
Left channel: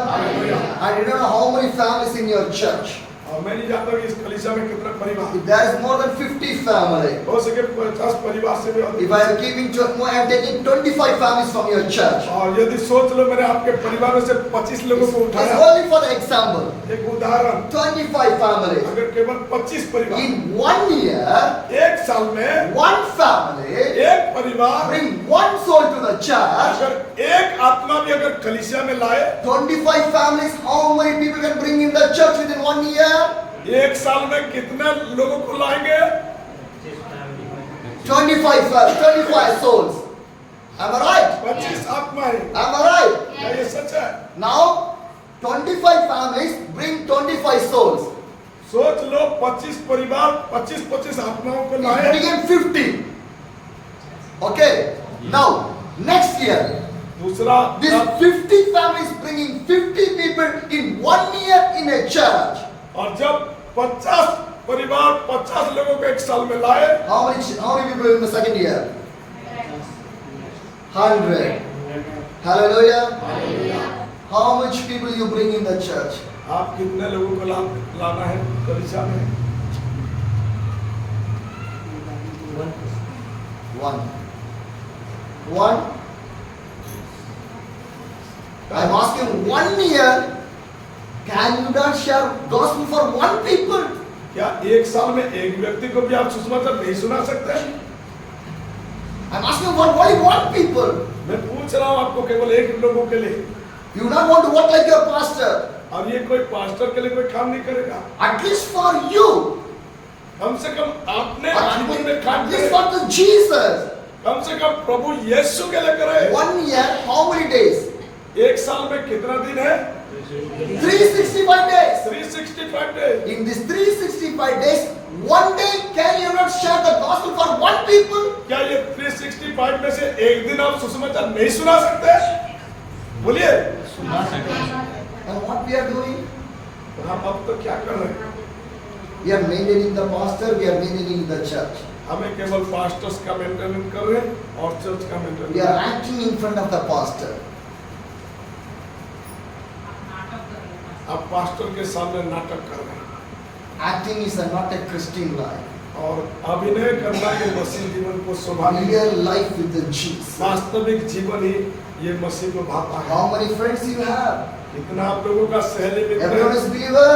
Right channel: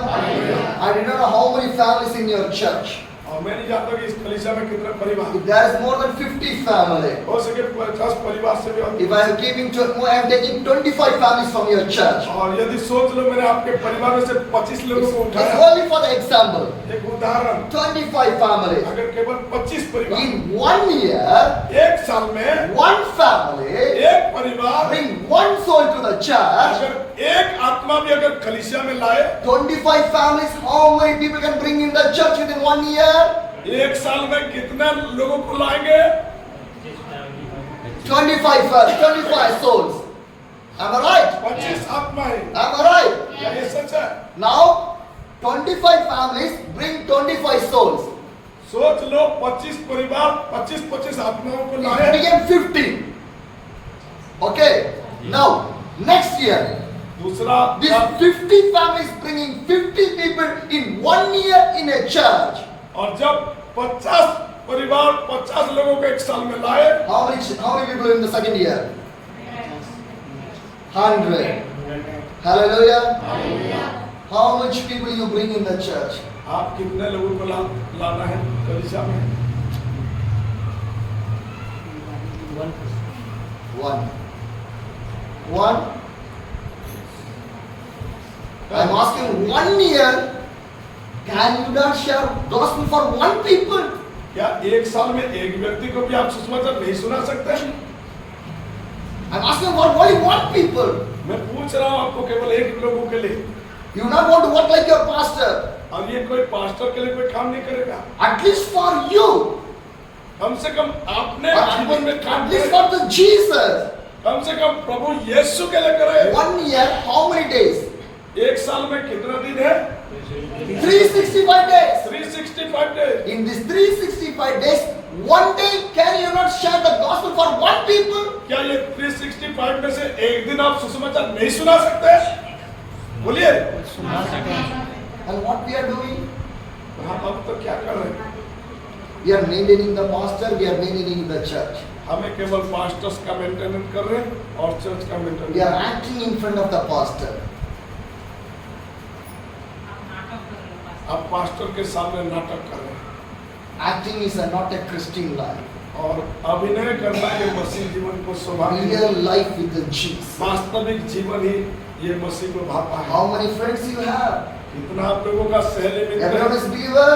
I do not know how many families in your church. और मैं नहीं जानता कि इस कलीसिया में कितने परिवार, If there is more than 50 families, हो सके 50 परिवार से भी अधिक। if I am giving to, I am taking 25 families from your church. और यदि सोच लो मैंने आपके परिवार में से 25 लोगों को Just उठाया, only for the example, एक उदाहरण, 25 families. अगर केवल 25 परिवार In 1 year, एक साल में one family एक परिवार bring one soul to the church. अगर एक आत्मा भी अगर कलीसिया में लाए, 25 families, how many people can bring in the church within 1 year? एक साल में कितने लोगों को लाएंगे? 25 souls. Am I right? 25 आत्माएं। Am I right? क्या ये सच है? Now, 25 families bring 25 souls. सोच लो 25 परिवार 25 आत्माओं को It लाए, became 50. Okay. Now, next year, दूसरा this 50 families bringing 50 people in 1 year in a church. और जब 50 परिवार 50 लोगों को एक साल में लाए, How many people in the second year? 100. Hallelujah. How much people you bring in the church? आप कितने लोगों को लाना है कलीसिया में? One. I'm asking 1 year. Can you not share gospel for 1 people? क्या एक साल में एक व्यक्ति को भी आप सुसमाचार नहीं सुना सकते हैं? I'm asking for only 1 people. मैं पूछ रहा हूँ आपको केवल एक लोगों के लिए, You do not want to work like your pastor. और ये कोई पास्टर के लिए कोई काम नहीं करेगा। At least for you. कम से कम आपने जीवन में काम At least करेगा। for the Jesus. कम से कम प्रभु यीशु के लिए करे। 1 year, how many days? एक साल में कितना दिन है? 365 days. 365 days. In these 365 days, 1 day can you not share the gospel for 1 people? क्या ये 365 में से एक दिन आप सुसमाचार नहीं सुना सकते? बोलिए। And what we are doing? हम अब तो क्या कर रहे हैं? We are maintaining the pastor, we are maintaining the church. हमें केवल पास्टर्स का मेंटेनेंस कर रहे हैं और चर्च का We maintenance. are acting in front of the pastor. आप पास्टर के सामने नाटक कर रहे हैं। Acting is not a Christian life. और अभिनय करना ये मसीह जीवन को शोभा नहीं है। Real life with the Jesus. वास्तविक जीवन ही ये मसीह को भाता है। How many friends you have? कितना आप लोगों का सहेली मित्र Everyone है? is believer?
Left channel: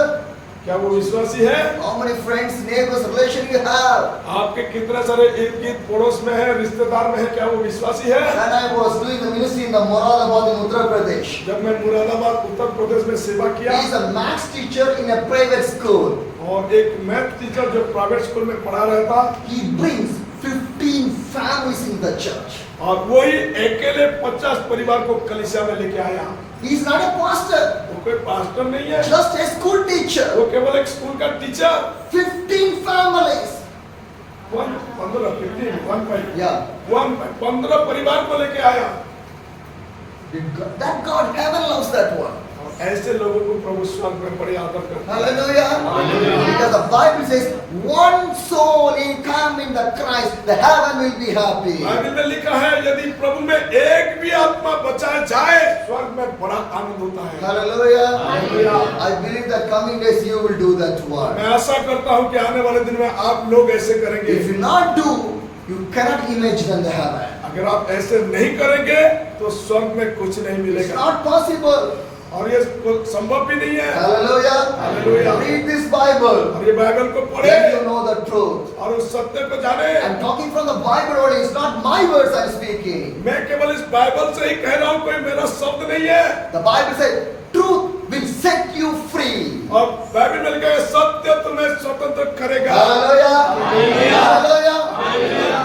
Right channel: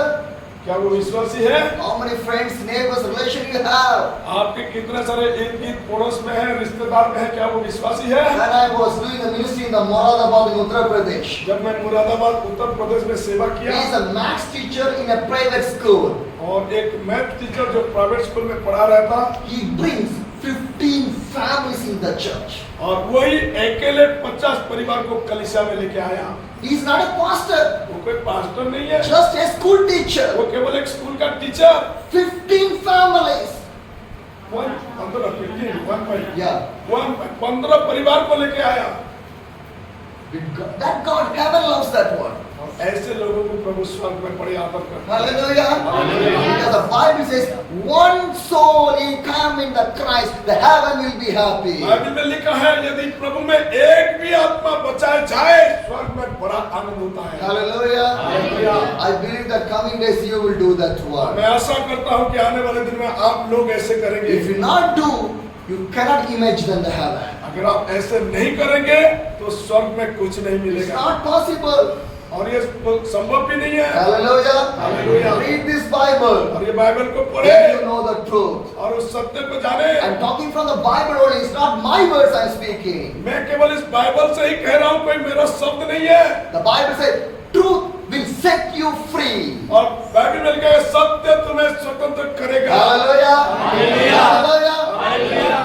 क्या वो विश्वासी है? How many friends, neighbors, relation you have? आपके कितने सारे इर्द गिर्द पड़ोस में है, रिश्तेदार में है, क्या वो विश्वासी है? When I was doing the ministry in the Moradabad in Uttar Pradesh, जब मैं मुरादाबाद उत्तर प्रदेश में सेवा he किया is a maths teacher in a private school. और एक मैथ टीचर जो प्राइवेट स्कूल में पढ़ा रहा था, He brings 15 families in the church. और वही अकेले 50 परिवार को कलीसिया में लेके आया। He is not a pastor, वो कोई पास्टर नहीं है, just a school teacher. वो केवल एक स्कूल का टीचर। 15 families. 15 परिवार को लेके आया। That God, heaven loves that one. और ऐसे लोगों को प्रभु स्वर्ग में बड़े आदर करता है। Hallelujah. Hallelujah. Because the Bible says, one soul in come in the Christ, the heaven will be happy. Bible में लिखा है यदि प्रभु में एक भी आत्मा बचा जाए स्वर्ग में बड़ा आनंद होता है। Hallelujah. Hallelujah. I believe that coming days you will do that one. मैं आशा करता हूं कि आने वाले दिन में आप लोग ऐसे करेंगे। If you not do, you cannot imagine the heaven. अगर आप ऐसे नहीं करेंगे तो स्वर्ग में कुछ नहीं It's मिलेगा not possible. और ये तो संभव भी नहीं है। Hallelujah. Hallelujah. Read this Bible. और ये बाइबल को पढ़े Then you know the truth. और उस सत्य को जाने। I'm talking from the Bible only. It's not my words I'm speaking. मैं केवल इस बाइबल से ही कह रहा हूँ, कोई मेरा शब्द नहीं है। The Bible says, truth will set you free. और बाइबल में लिखा है सत्य तुम्हें स्वतंत्र करेगा। Hallelujah. Hallelujah. Hallelujah. Hallelujah.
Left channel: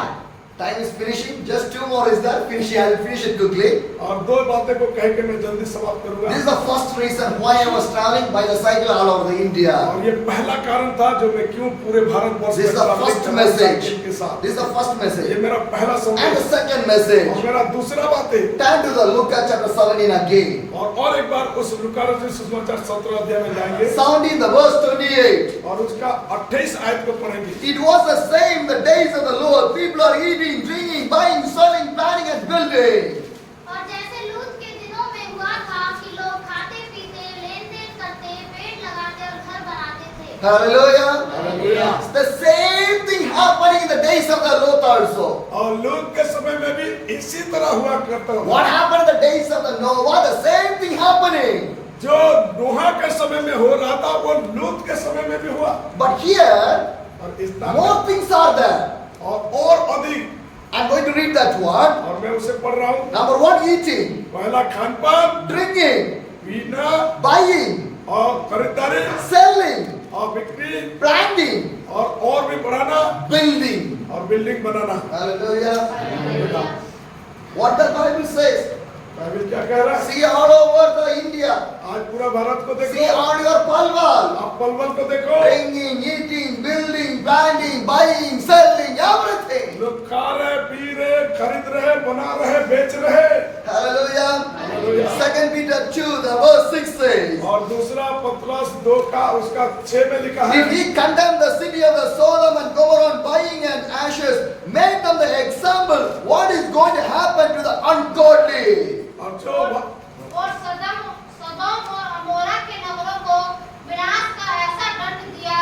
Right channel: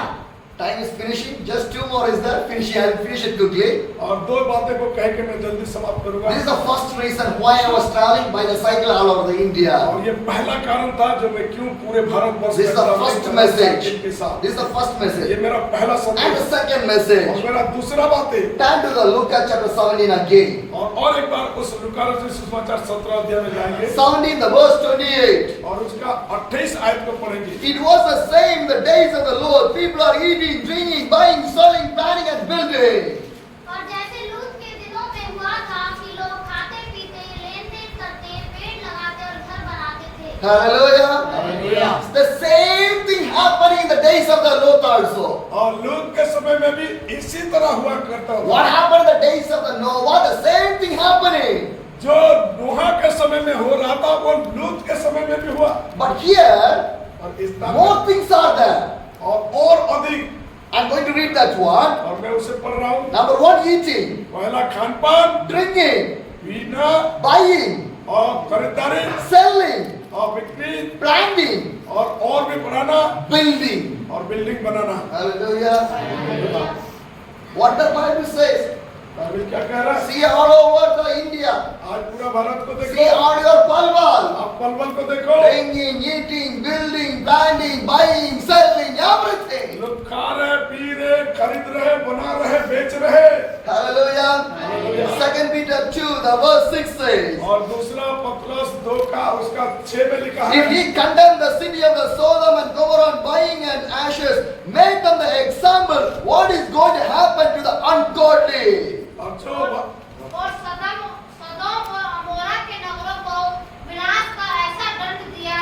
Time is finishing. Just 2 more is there. I'll finish it quickly. और दो बातें को कह के मैं जल्दी समाप्त करूंगा। This is the first reason why I was traveling by the cycle all over the India. और ये पहला कारण था जो मैं क्यों पूरे Bharatvarsh This is the first message. के साथ। This is the first ये message. मेरा पहला And संदेश। the second message. और मेरा दूसरा बात है। Turn to the Luke chapter 17 again. और एक बार उस लूका रचित सुसमाचार 17 अध्याय में जाएंगे 17 the verse 28. और उसका 28 आयत को पढ़ेंगे। It was the same the days of the Lord. People are eating, drinking, buying, selling, planning and building. और जैसे लूत के दिनों में हुआ था कि लोग खाते पीते लेन देन करते पेड़ लगाते और घर बनाते थे। Hallelujah. Hallelujah. It's the same thing happening in the days of the Lot also. और लूत के समय में भी इसी तरह हुआ करता What था। happened in the days of the Noah? The same thing happening. जो नूह के समय में हो रहा था वो लूत के समय में भी हुआ। But here, और इस तरह more things are there. और अधिक। I'm going to read that one. और मैं उसे पढ़ रहा हूँ। Number 1, eating, पहला खान पान, drinking, पीना buying, और खरीदारी selling, और बिक्री planting, और भी बढ़ाना building. और building banana. Hallelujah. What the Bible says. Bible क्या कह रहा है? See all over the India. आज पूरा भारत को See देखो। all your palwal. आप पलवल को देखो। Drinking, eating, building, planting, buying, selling, everything. लोग खा रहे, पी रहे, खरीद रहे, बना रहे, बेच रहे। Hallelujah. Hallelujah. 2 Peter 2, the verse 6 says. और दूसरा पत्रस 2 का उसका 6 में लिखा है। If he condemned the city of the Sodom and Gomorrah buying and ashes, make them the example what is going to happen to the ungodly. और जो और सदोम और अमोरा के नगरों को विनाश का ऐसा दंड दिया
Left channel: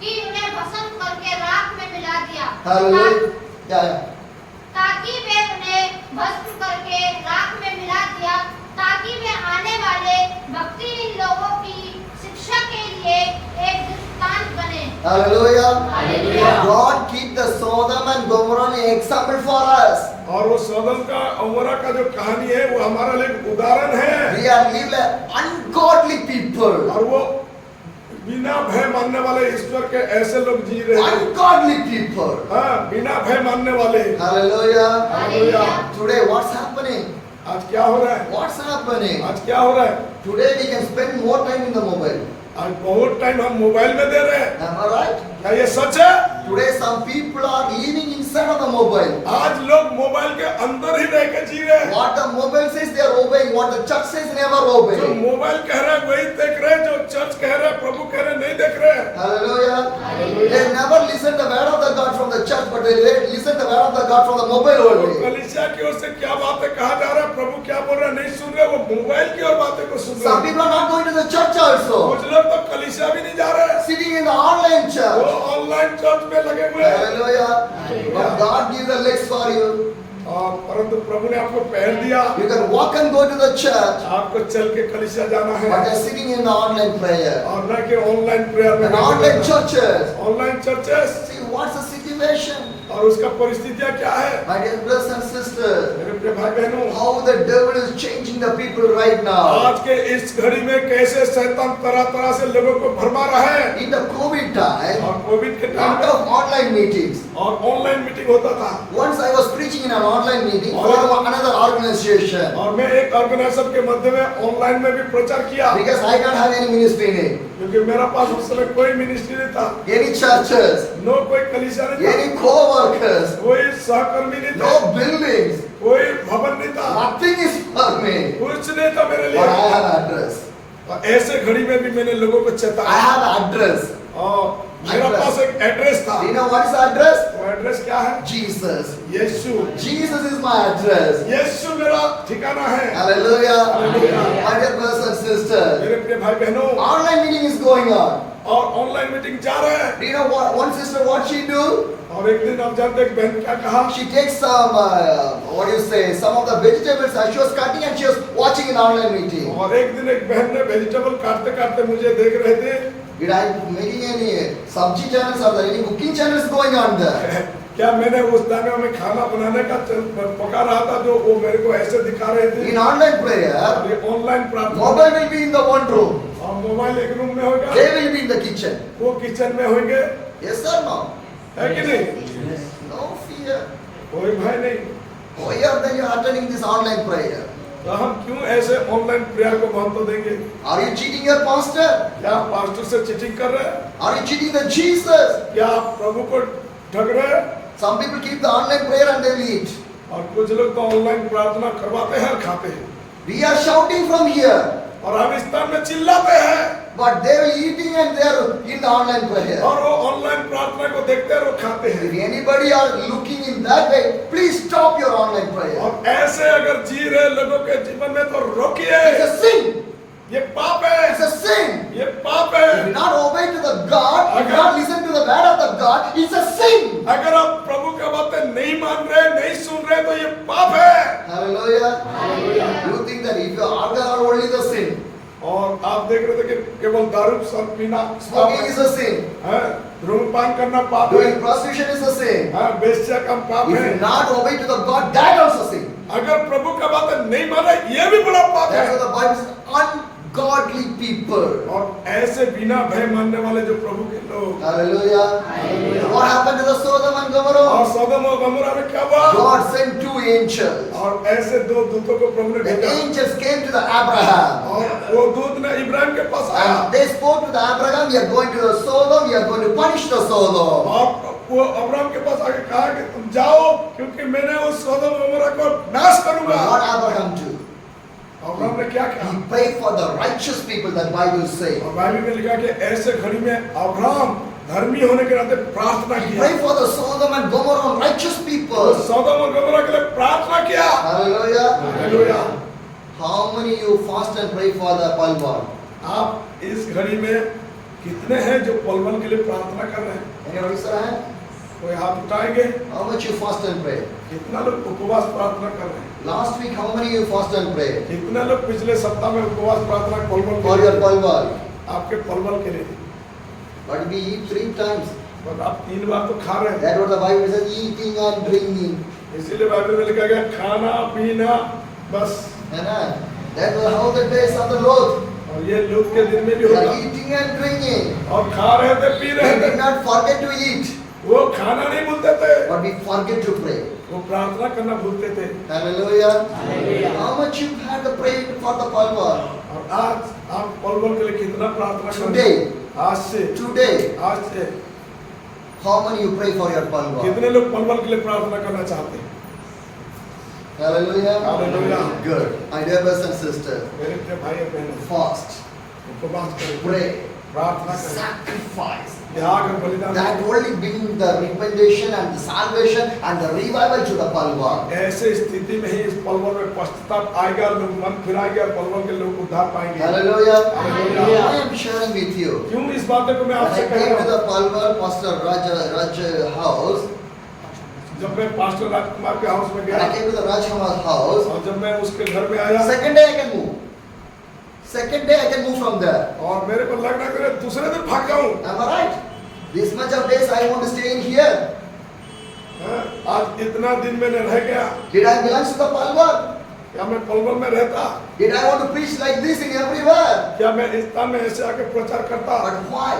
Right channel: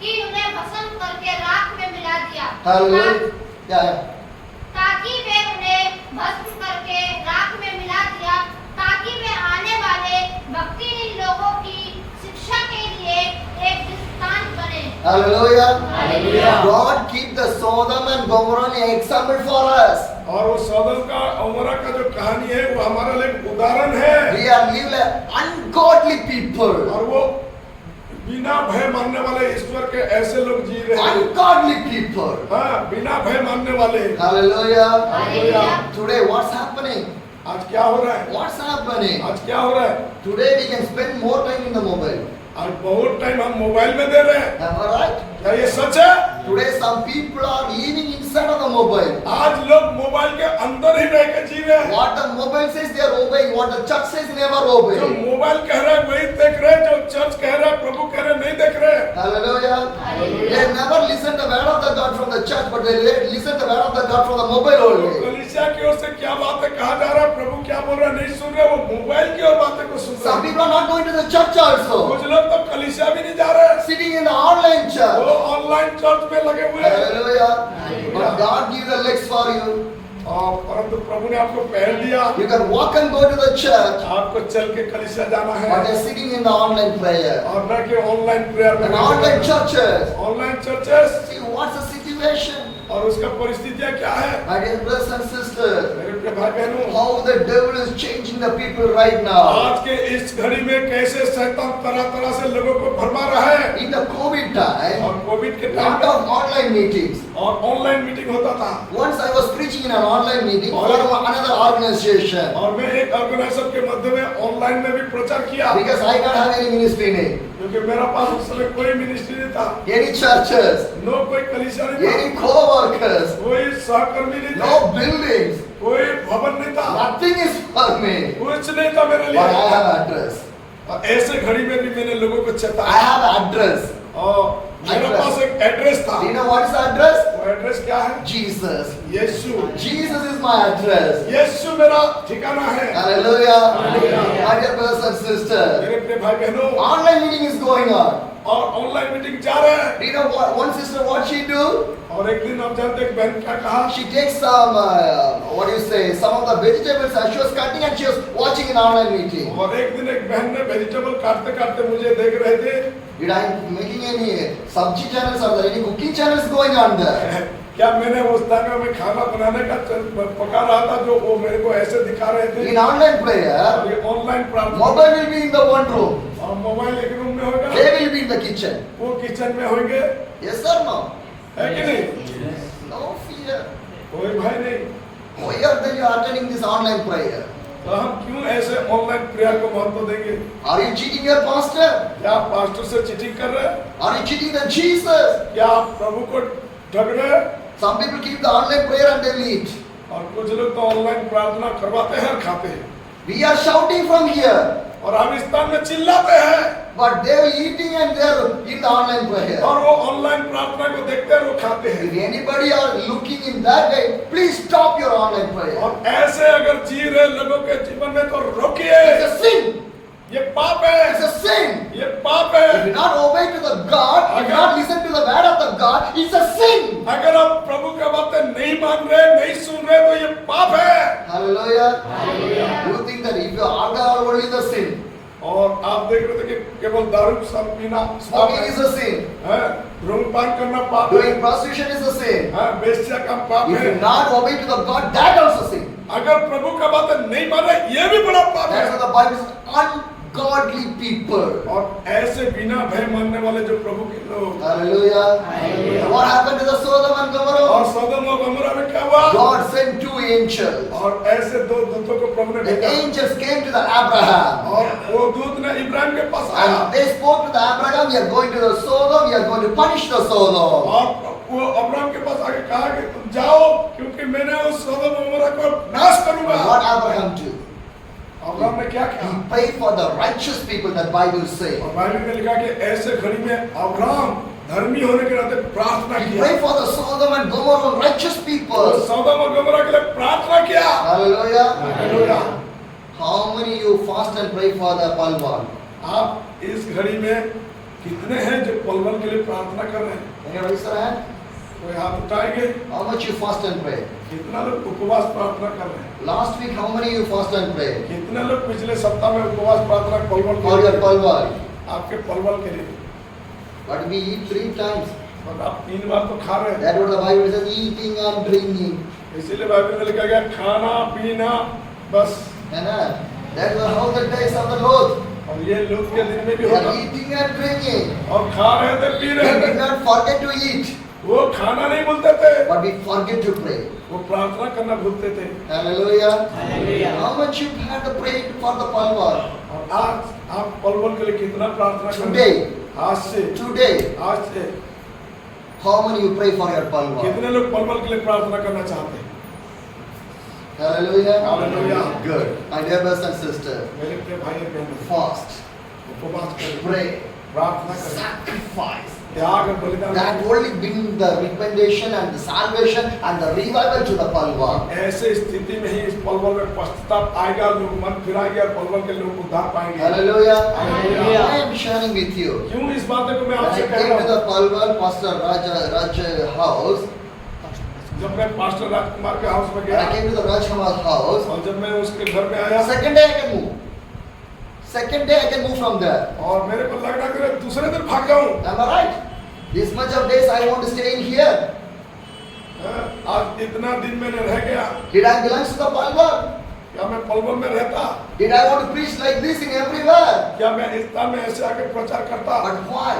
कि उन्हें भस्म करके राख में मिला दिया। Hallelujah. Yeah. ताकि वे उन्हें भस्म करके राख में मिला दिया ताकि वे आने वाले भक्तिहीन लोगों की शिक्षा के लिए एक दृष्टांत बने। Hallelujah. Hallelujah. God keep the Sodom and Gomorrah an example for us. और वो सदम का अमोरा का जो कहानी है वो हमारे लिए उदाहरण है। We are live like ungodly people. और वो बिना भय मानने वाले ईश्वर के ऐसे लोग जी रहे हैं। Ungodly people. हाँ, बिना भय मानने वाले। Hallelujah. Hallelujah. Today what's happening? आज क्या हो रहा है? What's happening? आज क्या हो रहा है? Today we can spend more time in the mobile. आज बहुत टाइम हम मोबाइल में दे रहे हैं। Am I right? क्या ये सच है? Today some people are living inside of the mobile. आज लोग मोबाइल के अंदर ही रह के जी सुनेंगे। What the mobile says, they are obeying. What the church says, never जो obey. मोबाइल कह रहे हैं वही देख रहे हैं, जो चर्च कह रहे हैं, प्रभु कह रहे हैं, नहीं देख रहे हैं। Hallelujah. They never listen the word of the God from the church, but they listen the word of the God from the mobile तो only. कलीसिया की ओर से क्या बातें कहा जा रहा है, प्रभु क्या बोल रहा है, नहीं सुन रहे, वो मोबाइल की ओर बातें को सुन Some रहे हैं। people are not going to the church also. कुछ लोग तो कलीसिया भी नहीं जा रहे हैं, Sitting in the online वो church. ऑनलाइन चर्च में लगे हुए हैं। Hallelujah. But God gives the legs for you. और परंतु प्रभु ने आपको पैर दिया, You can walk and go to the church. आपको चल के कलीसिया जाना है, But they're sitting in the online prayer. और न कि ऑनलाइन प्रेयर में। And online churches. Online churches, See, what's the situation? और उसका परिस्थितियां क्या है? My dear brothers and sisters, मेरे प्रिय भाई बहनों, how the devil is changing the people right now. आज के इस घड़ी में कैसे शैतान तरह तरह से लोगों को भरमा रहा है। In the COVID time, और कोविड के lot time of online meetings. और ऑनलाइन मीटिंग होता था, Once I was preaching in an online meeting for another organization. और मैं एक ऑर्गेनाइजेशन के मध्य में ऑनलाइन में भी प्रचार किया, Because I don't have any ministry name. क्योंकि मेरा पास उस समय कोई मिनिस्ट्री नहीं था, Any churches. नो कोई कलीसिया नहीं था, Any co-workers. कोई सहकर्मी नहीं No था, buildings. कोई भवन नहीं था, Nothing is for me. कुछ नहीं था मेरे But I लिए। have address. और ऐसे घड़ी में भी मैंने लोगों को I चेताया, have address. और मेरा पास एक एड्रेस था। Do you know what is the address? वो एड्रेस क्या है? Jesus. Yeshu. Jesus is my address. यीशु मेरा ठिकाना है। Hallelujah. Hallelujah. My dear brothers and sisters. मेरे प्रिय भाई बहनों, Online meeting is going on. और ऑनलाइन मीटिंग जा रहे हैं। Do you know one sister what she do? और एक दिन आप जानते हैं बहन क्या कहा? She takes some, what do you say, some of the vegetables she was cutting and she was watching an online meeting. और एक दिन एक बहन ने वेजिटेबल काटते काटते मुझे देख रहे थे। Did I making any sabji channels or there any cooking channels going on there? क्या मैंने उस दाने में खाना बनाने का पका रहा था जो वो मेरे को ऐसे दिखा रहे थे। In online prayer, ये ऑनलाइन प्रार्थना, mobile will be in the one room. और मोबाइल एक रूम में होगा, They will be in the kitchen. वो किचन में होंगे, Yes or no? है कि नहीं? No fear. कोई भय नहीं। Why are then you are attending this online prayer? तो हम क्यों ऐसे ऑनलाइन प्रेयर को महत्व देंगे? Are you cheating your pastor? क्या आप पास्टर से चीटिंग कर रहे हैं? Are you cheating the Jesus? क्या आप प्रभु को ठग रहे हैं? Some people keep the online prayer and they will eat. और कुछ लोग तो ऑनलाइन प्रार्थना करवाते हैं और खाते हैं, We are shouting from here, और हम इस स्थान में चिल्लाते हैं, but they are eating and they are in the online prayer. और वो ऑनलाइन प्रार्थना को देखते हैं और खाते हैं। If anybody are looking in that way, please stop your online prayer. और ऐसे अगर जी रहे लोगों के जीवन में तो रोकिए, It's a sin. ये पाप है, It's a sin. ये पाप If है। you not obey to the God, if you not listen to the word of the God, it's a sin. अगर आप प्रभु की बातें नहीं मान रहे, नहीं सुन रहे, तो ये पाप है। Hallelujah. You think that if you are alcohol only the sin, और आप देख रहे थे कि केवल दारू सब पीना पाप smoking है, is a sin, धूम्रपान करना पाप है, doing prostitution is a sin. वेश्या का पाप If है। you not obey to the God, that also sin. अगर प्रभु का बात नहीं माना, ये भी बड़ा पाप That's है। why the Bible says ungodly people. और ऐसे बिना भय मानने वाले जो प्रभु के लोग, Hallelujah. What happened to the Sodom and और Gomorrah? सदोम और गमोरा में क्या हुआ? God sent two angels. और ऐसे दो दूतों को प्रभु ने The भेजा, angels came to the Abraham और वो दूत ने इब्राहिम के पास आया, and they spoke to the Abraham, we are going to the Sodom, we are going to punish the Sodom. और वो अब्राहम के पास आके कहा कि तुम जाओ, क्योंकि मैंने उस सदोम और गमोरा को नाश करूंगा। What Abraham do? अब्राहम ने क्या किया? He prayed for the righteous people, that Bible says. और बाइबल में लिखा कि ऐसे घड़ी में अब्राहम धर्मी होने के नाते प्रार्थना He किया, prayed for the Sodom and Gomorrah righteous तो people. सदोम और गमोरा के लिए प्रार्थना किया। Hallelujah. Hallelujah. How many you fast and pray for the Palwan? आप इस घड़ी में कितने हैं जो पलवल के लिए प्रार्थना कर रहे हैं? Any raise your hand? कोई हाथ उठाएंगे? How much you fast and pray? कितना लोग उपवास प्रार्थना कर रहे हैं? Last week, how many you fast and pray कितने लोग पिछले सप्ताह में उपवास प्रार्थना पलवल for your Palwan? आपके पलवल के लिए? But we eat 3 times. और आप 3 बार तो खा रहे हैं। That's what the Bible says, eating and drinking. इसीलिए बाइबल में लिखा गया खाना पीना बस। That's how the days of the Lord. और ये लूत के दिन में भी We होगा। are eating and drinking. और खा रहे थे, पी रहे We थे, did not forget to eat, वो खाना नहीं भूलते थे, but we forget to pray. वो प्रार्थना करना भूलते थे। Hallelujah. Hallelujah. How much you had to pray for the Palwan? और आज आप पलवल के लिए कितना प्रार्थना कर रहे Today, हैं? आज से today, how many you pray for your Palwan? कितने लोग पलवल के लिए प्रार्थना करना चाहते हैं? Hallelujah. Hallelujah. Good. My dear brothers and sisters, मेरे प्रिय भाई बहनों, fast, उपवास करें, pray, प्रार्थना करें, sacrifice. त्याग और बलिदान That only bring the recommendation and the salvation and the revival to the Palwa. ऐसे स्थिति में ही इस पलवल में पश्चाताप आएगा, लोग मन फिराएंगे और पलवल के लोग उद्धार पाएंगे। Hallelujah. Hallelujah. I am sharing with you. क्यों इस बात को मैं When आपसे I कह came रहा to हूँ? the Palwa Pastor Raj house, जब मैं पास्टर राजकुमार के हाउस में when I गया came to the Raj house, और जब मैं उसके घर में आया second day I can move. Second day I can move from there. और मेरे को लग रहा कि मैं दूसरे दिन भाग जाऊं। Am I right? This much of days I want to stay in here. हाँ, आज इतना दिन मैंने रह गया, Did I belong to the Palwa? क्या मैं पलवल में रहता? Did I want to preach like this in everywhere? क्या मैं इस स्थान में ऐसे आके प्रचार करता? But why?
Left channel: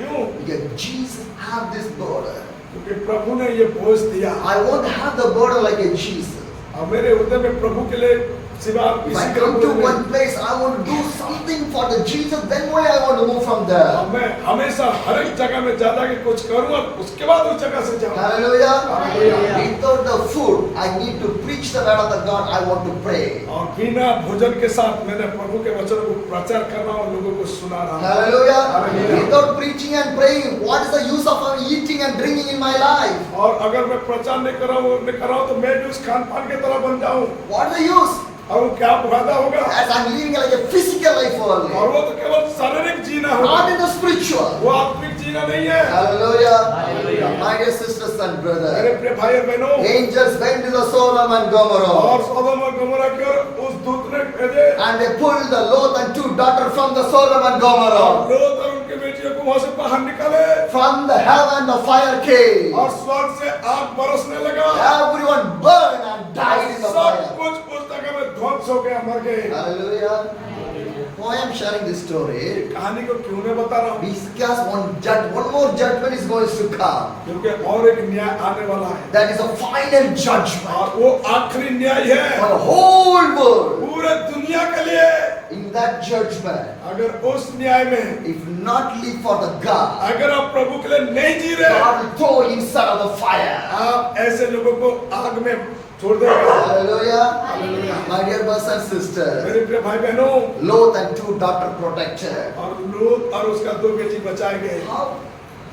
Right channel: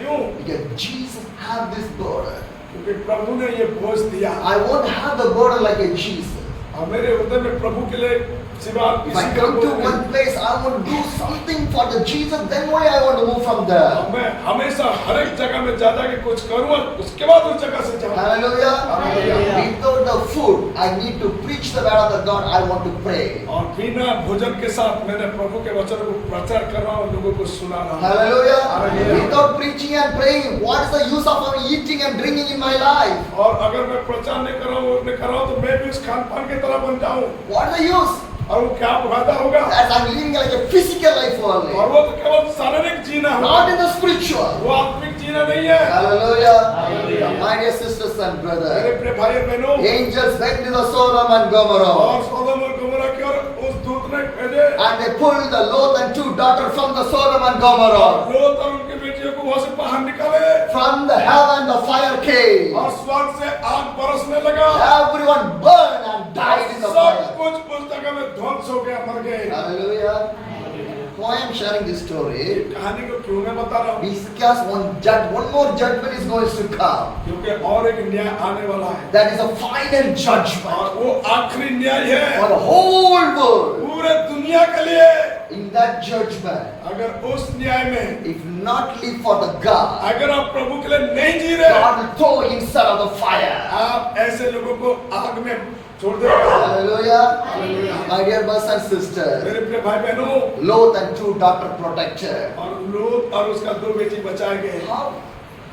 क्यों? Because Jesus had this burden. क्योंकि प्रभु ने ये बोझ दिया I want to have the burden like a Jesus. और मेरे हृदय में प्रभु के लिए सिवा If किसी I के come बोझ to नहीं। one place, I want to do something for the Jesus, then only I want to move from और there. मैं हमेशा हर एक जगह में जाता कि कुछ करूँ और उसके बाद उस जगह से जाऊँ। Hallelujah. Hallelujah. Without the food, I need to preach the word of the God. I want to pray. और बिना भोजन के साथ मैंने प्रभु के वचन को प्रचार कर रहा हूँ और लोगों को सुना रहा हूँ। Hallelujah. Hallelujah. Without preaching and praying, what is the use of our eating and drinking in my life? और अगर मैं प्रचार नहीं कर रहा हूँ तो मैं भी उस खान पान की तरह बन जाऊँ What is the use? और वो क्या फायदा होगा? As I'm living like a physical life और only, वो तो केवल शारीरिक जीना है, not in the spiritual. वो आत्मिक जीना नहीं है। Hallelujah. Hallelujah. My dear sisters and मेरे brothers, प्रिय भाई और बहनों, angels went to the Sodom and और Gomorrah, सदोम और गमोरा की ओर उस दूत ने भेजे and they pulled the Lot and two daughters from the Sodom and और Gomorrah. लोत और उनकी बेटियों को वहां से बाहर निकाले From the heaven, the fire came. और स्वर्ग से आग बरसने लगा। Everyone burned and died in the सब fire. कुछ उस जगह में ध्वंस हो गया, मर गए। Hallelujah. Why I am sharing this story? कहानी को क्यों मैं बता रहा हूँ? Because one more judgment is going to come. क्योंकि और एक न्याय आने वाला है That is a final judgment और वो आखिरी न्याय for है the whole world. पूरे दुनिया के लिए। In that judgment, अगर उस न्याय में if not live for the God, अगर आप प्रभु के लिए नहीं जी रहे, God will throw inside of the fire. आप ऐसे लोगों को आग में छोड़ देगा। Hallelujah. Hallelujah. My dear brothers and sisters, मेरे प्रिय भाई बहनों, Lot and two daughters protected. और लोत और उसका दो बेटी बचाए गए। How?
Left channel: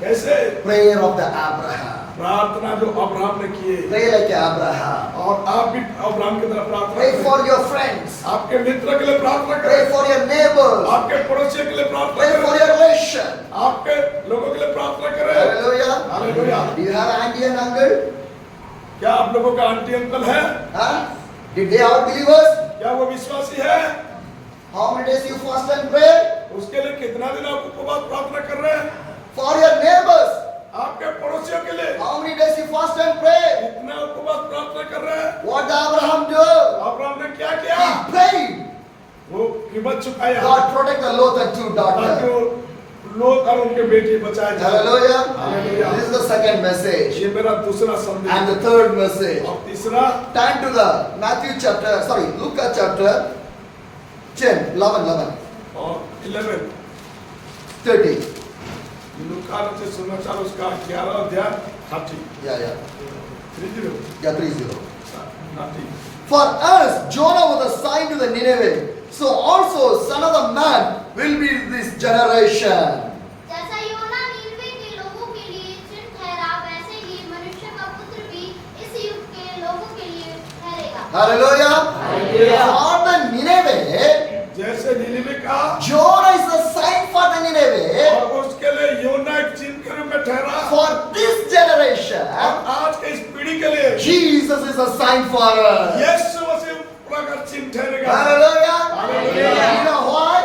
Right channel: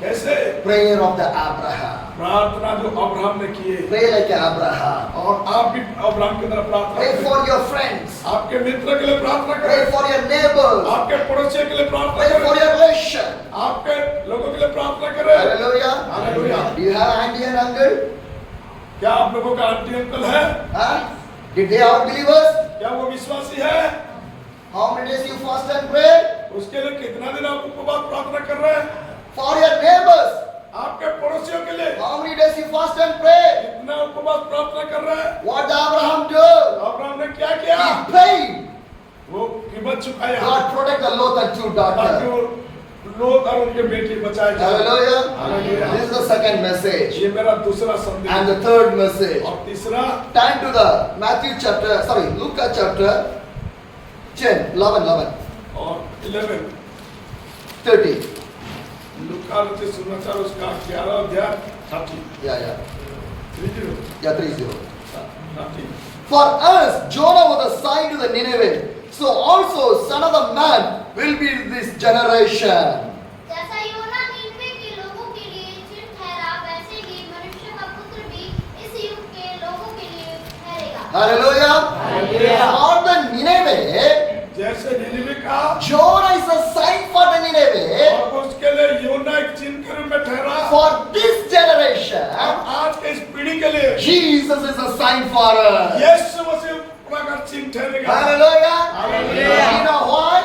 कैसे? Prayer of the Abraham. प्रार्थना जो अब्राहम ने किए Pray like Abraham. और आप भी अब्राहम की तरह प्रार्थना Pray करें। for your friends. आपके मित्र के लिए प्रार्थना Pray करें, for your neighbors. आपके पड़ोसियों के लिए प्रार्थना Pray for करें, your relation. आपके लोगों के लिए प्रार्थना करें। Hallelujah. Hallelujah. Do you have auntie and uncle? क्या आप लोगों का आंटी अंकल है? Huh? Did they are believers? क्या वो विश्वासी है? How many days you fast and pray? उसके लिए कितना दिन आप उपवास प्रार्थना कर रहे हैं? For your neighbors. आपके पड़ोसियों के लिए How many days you fast and pray? कितना उपवास प्रार्थना कर रहे हैं? What did Abraham do? Abraham ने क्या किया? He prayed. वो कीमत चुकाया God protect the Lot and two ताकि daughters. वो लोग और उनके बेटी बचाए जाए। Hallelujah. Hallelujah. This is the second message. ये मेरा दूसरा संदेश And the third message. और तीसरा Turn to the Luke chapter 10, 11, और 11 30. लूका से समाचार उसका 11 अध्याय 30 Yeah. 30 Yeah, 30. 30 For us, Jonah was a sign to the Nineveh. So also, Son of the Man will be this generation. जैसा योना नीनवे के लोगों के लिए चिन्ह ठहरा, वैसे ही मनुष्य का पुत्र भी इस युग के लोगों के लिए ठहरेगा। Hallelujah. For the Nineveh, जैसे निनिवे का Jonah is a sign for the Nineveh. और उसके लिए योना एक चिन्ह के रूप में ठहरा। For this generation, और आज के इस पीढ़ी के लिए Jesus is a sign for us. यीशु मसीह का चिन्ह ठहरेगा। Hallelujah. Hallelujah. You know why?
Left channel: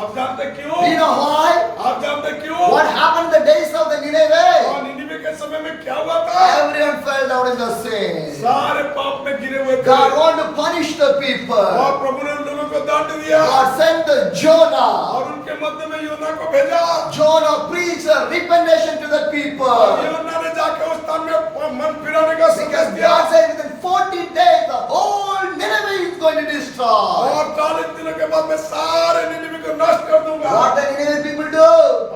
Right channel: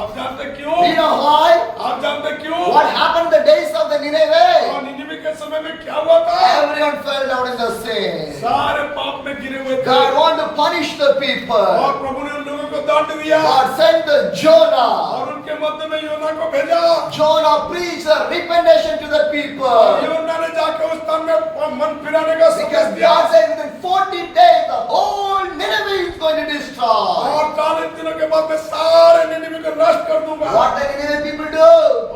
आप जानते क्यों? You know why? आप जानते क्यों? What happened in the days of the Nineveh? और निनिवे के समय में क्या हुआ था? Everyone fell down in the sin. सारे पाप में गिरे हुए थे। God wanted to punish the people. और प्रभु ने उन लोगों को दंड दिया God sent the Jonah. और उनके मध्य में योना को भेजा। Jonah preached a repentance to the और people. योना ने जाकर उस स्थान में मन फिराने का संदेश Because दिया। God said within 40 days the whole Nineveh is going to destroy. और 40 दिनों के बाद मैं सारे निनिवे को नष्ट कर दूंगा। What the Nineveh people do?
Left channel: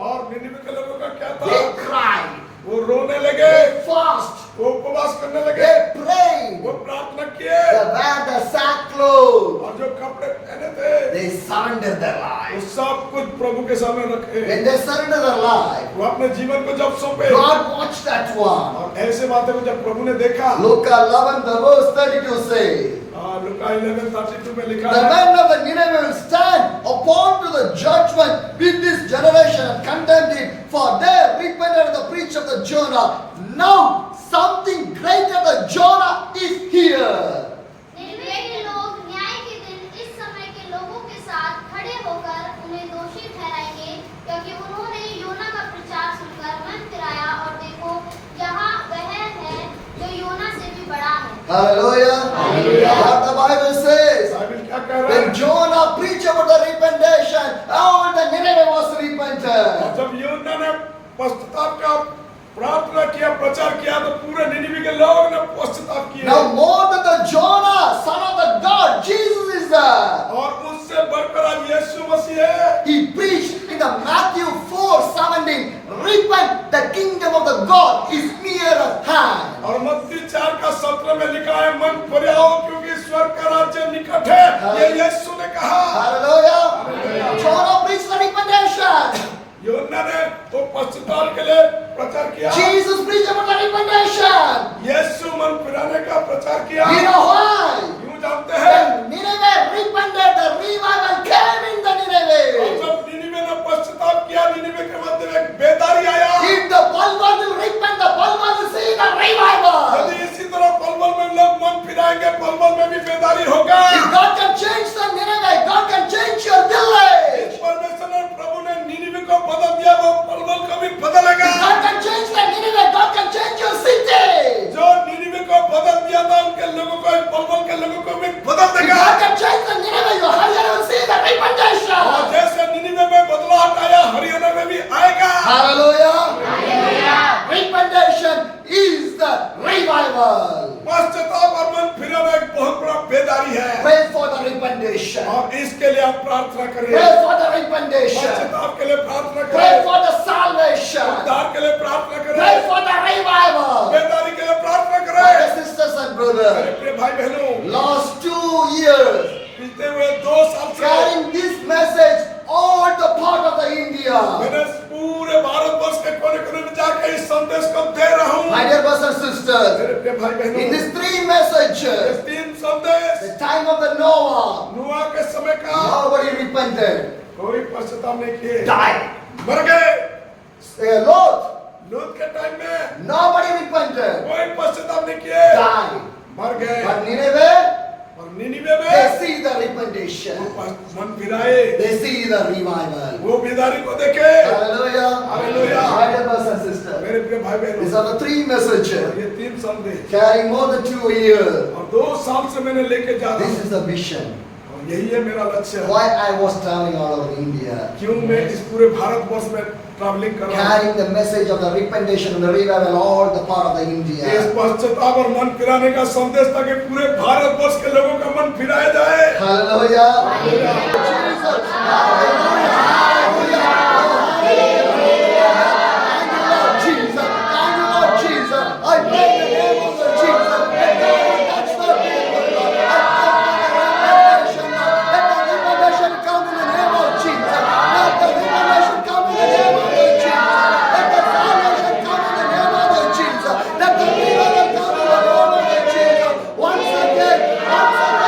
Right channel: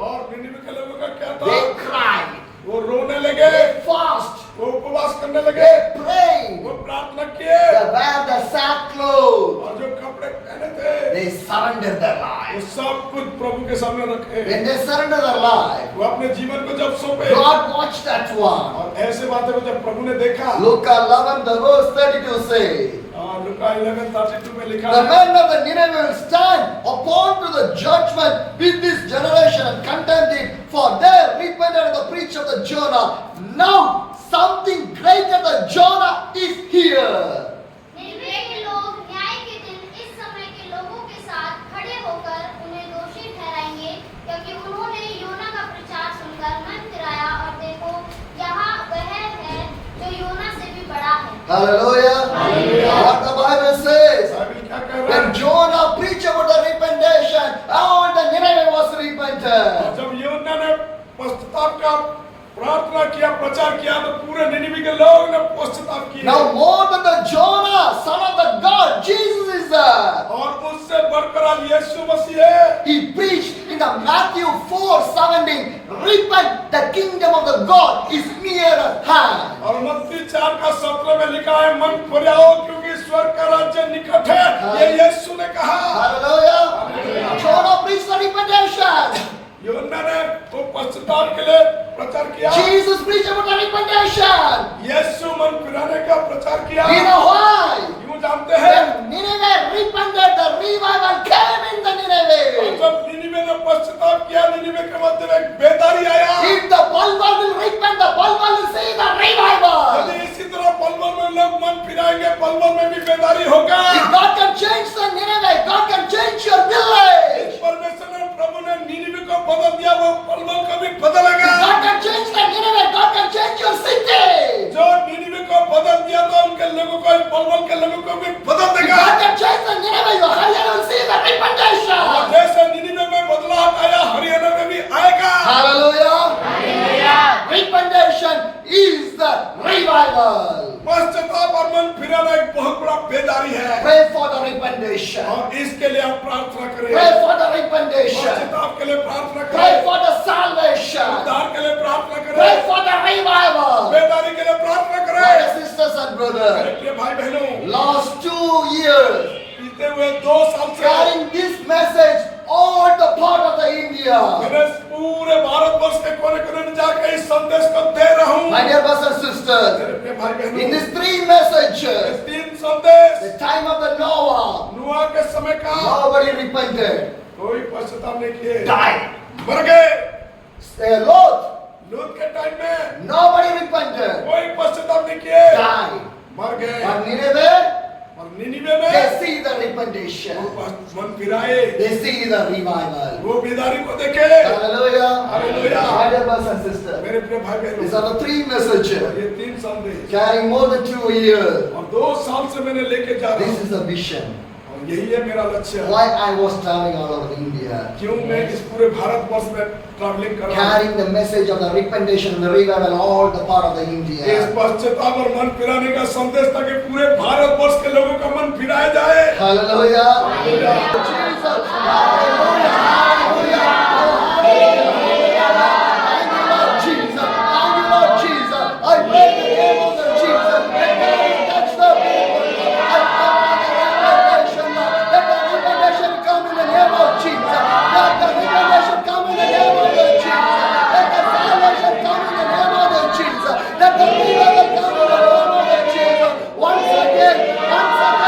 और निनिवे के लोगों का क्या था? They cried. वो रोने लगे, They fast. वो उपवास करने लगे, They prayed. वो प्रार्थना किए। The wear the sackcloth. और जो कपड़े पहने थे They surrender their वो life. सब कुछ प्रभु के सामने रखे। When they surrender their life, वो अपने जीवन को जब सौंपे God watched that one. और ऐसे बातें को जब प्रभु ने देखा Luke 11, the verse 32 says, लुका 11:32 में लिखा the है men of the Nineveh will stand upon to the judgment with this generation and condemn it, for they repented of the preach of the Jonah. Now something greater than Jonah is here. Nineveh के लोग न्याय के दिन इस समय के लोगों के साथ खड़े होकर उन्हें दोषी ठहराएंगे, क्योंकि उन्होंने योना का प्रचार सुनकर मन फिराया, और देखो यहाँ वह है जो योना से भी बड़ा है। Hallelujah. What the Bible says. Bible क्या कह रहा When है Jonah preached about the repentation, all the Nineveh was repentant. जब योना ने पश्चाताप का प्रार्थना किया प्रचार किया तो पूरे निनिवे के लोग ने पश्चाताप किया Now more than the Jonah, son of the God, Jesus is there. और उससे बढ़कर आज यीशु मसीह है He preached in the Matthew 4:17, repent, the kingdom of the God is near at hand. और मत्ती 4:17 में लिखा है मन फिराओ क्योंकि स्वर्ग का राज्य निकट है ये यीशु ने कहा Hallelujah. Jonah preached the repentation. योना ने वो पश्चाताप के लिए प्रचार किया Jesus preached about the repentation. यीशु मन फिराने का प्रचार किया You know why? क्यों जानते हैं When Nineveh repented, the revival came in the और Nineveh. जब निनिवे ने पश्चाताप किया निनिवे के मध्य में एक बेदारी आया If the Balbal will repent, the Balbal will see the revival. यदि इसी तरह पलवल में लोग मन फिराएंगे पलवल में भी बेदारी होगा If God can change the Nineveh, God can change your village. परमेश्वर ने प्रभु ने निनिवे को बदल दिया वो पलवल को भी बदलेगा If God can change the Nineveh, God can change your city. जो निनिवे को बदल दिया था उनके लोगों को पलवल के लोगों को भी बदल If देगा God can change the Nineveh, your Haryana will see the और repentation. जैसे निनिवे में बदलाव आया हरियाणा में भी आएगा Hallelujah. Repentation is the revival. पश्चाताप और मन फिराना एक बहुत बड़ा बेदारी है Pray for the repentation. और इसके लिए आप प्रार्थना करिए Pray for the repentation. पश्चाताप के लिए प्रार्थना Pray करें for the salvation. उद्धार के लिए प्रार्थना Pray करें for the revival. बेदारी के लिए प्रार्थना My करें sisters and brothers, मेरे प्रिय भाई बहनों last 2 years, बीते हुए 2 साल से carrying this message all the part of the India. मैंने पूरे भारतवर्ष के कोने-कोने में जाकर इस संदेश को दे रहा हूँ My dear brothers and sisters, मेरे प्रिय भाई बहनों in these 3 messages, इस 3 संदेश the time of the Noah, नूह के समय का nobody repented, कोई पश्चाताप नहीं किए died. मर गए Lot, लूत के टाइम में nobody repented, कोई पश्चाताप नहीं किए died. मर गए But Nineveh, और निनिवे में they see the repentation. वो मन फिराए They see the revival. वो बेदारी को देखे Hallelujah. Hallelujah. My dear brothers and sisters, मेरे प्रिय भाई these बहनों are the 3 messages ये 3 संदेश carrying more than 2 years. और 2 साल से मैंने लेके जा रहा This हूँ is the mission. और यही है मेरा लक्ष्य Why I was traveling all over India, क्यों मैं इस पूरे भारतवर्ष में ट्रैवलिंग कर रहा हूँ carrying the message of the repentation and the revival all the part of the इस India. पश्चाताप और मन फिराने का संदेश ताकि पूरे भारतवर्ष के लोगों का मन फिराया जाए Hallelujah. Jesus. Hallelujah. Hallelujah. Thank you, Lord Jesus. Thank you, Lord Jesus. I pray in the name of the Jesus. Let God touch the people, Lord. I pray for the revelation, Lord. Let the revelation come in the name of Jesus. Let the revelation come in the name of the Jesus. Let the salvation come in the name of the Jesus. Let the revival come in the name of the Jesus. Once again, revival.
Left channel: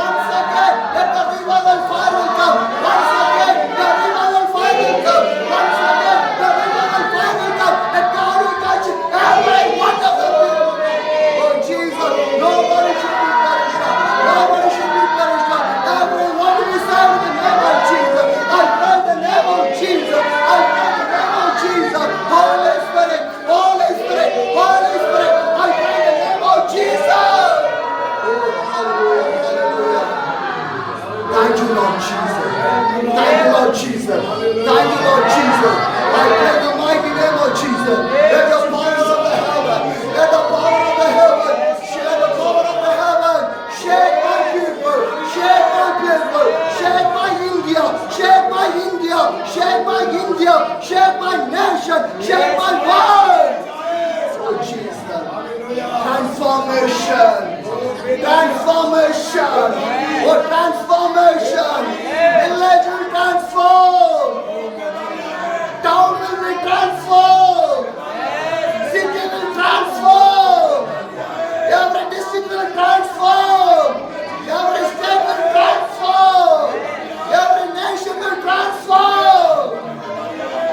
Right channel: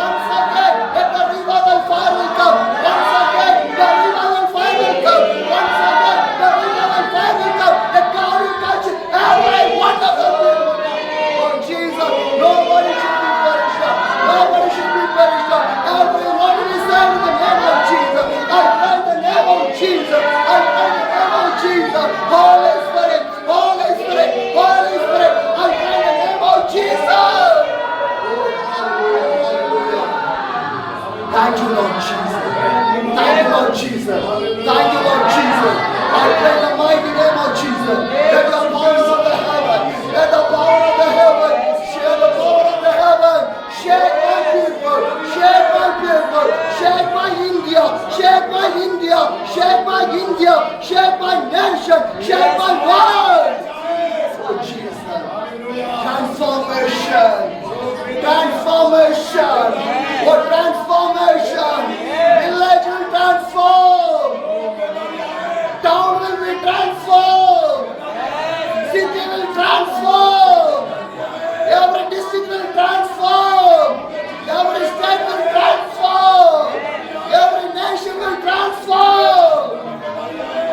Once again, let the revival fire will come. Once again, the revival fire will come. Once again, the revival fire will come. Let God will touch every one of the people. Oh Jesus, nobody should be perished. Nobody should be perished. Everyone will be saved in the name of Jesus. I pray in the name of Jesus. I pray in the name of Jesus. Holy Spirit, Holy Spirit, Holy Spirit. I pray in the name of Jesus. Oh, hallelujah, hallelujah. Thank you, Lord Jesus. Thank you, Lord Jesus. Thank you, Lord Jesus. I pray in the mighty name of Jesus. Let the power of the heaven, let the power of the heaven, share the power of the heaven, shake my people, shake my people, shake my India, shake my India, shake my India, shake my nation, shake my world. Oh Jesus. Transformation. transformation. Oh, transformation. Village will transform. Town will be transformed. City will transform. Every district will transform. Every state will transform. Every nation will transform.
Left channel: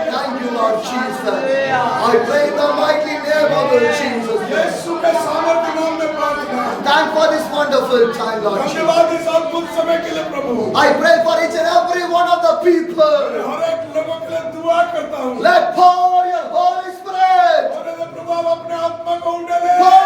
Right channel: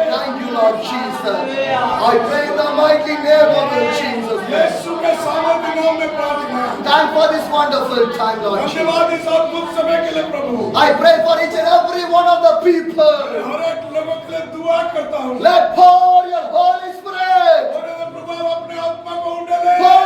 Thank you, Lord Jesus. I pray in the mighty name of Lord Jesus. यीशु के सामर्थ्य नाम में प्रार्थना है। Thank for this wonderful time, Lord Jesus. धन्यवाद इस अद्भुत समय के लिए प्रभु। I pray for each and every one of the people. हर एक लोगों के लिए दुआ करता हूँ। Let pour your Holy Spirit. और प्रभु आप अपने आत्मा को उंडेले। Pour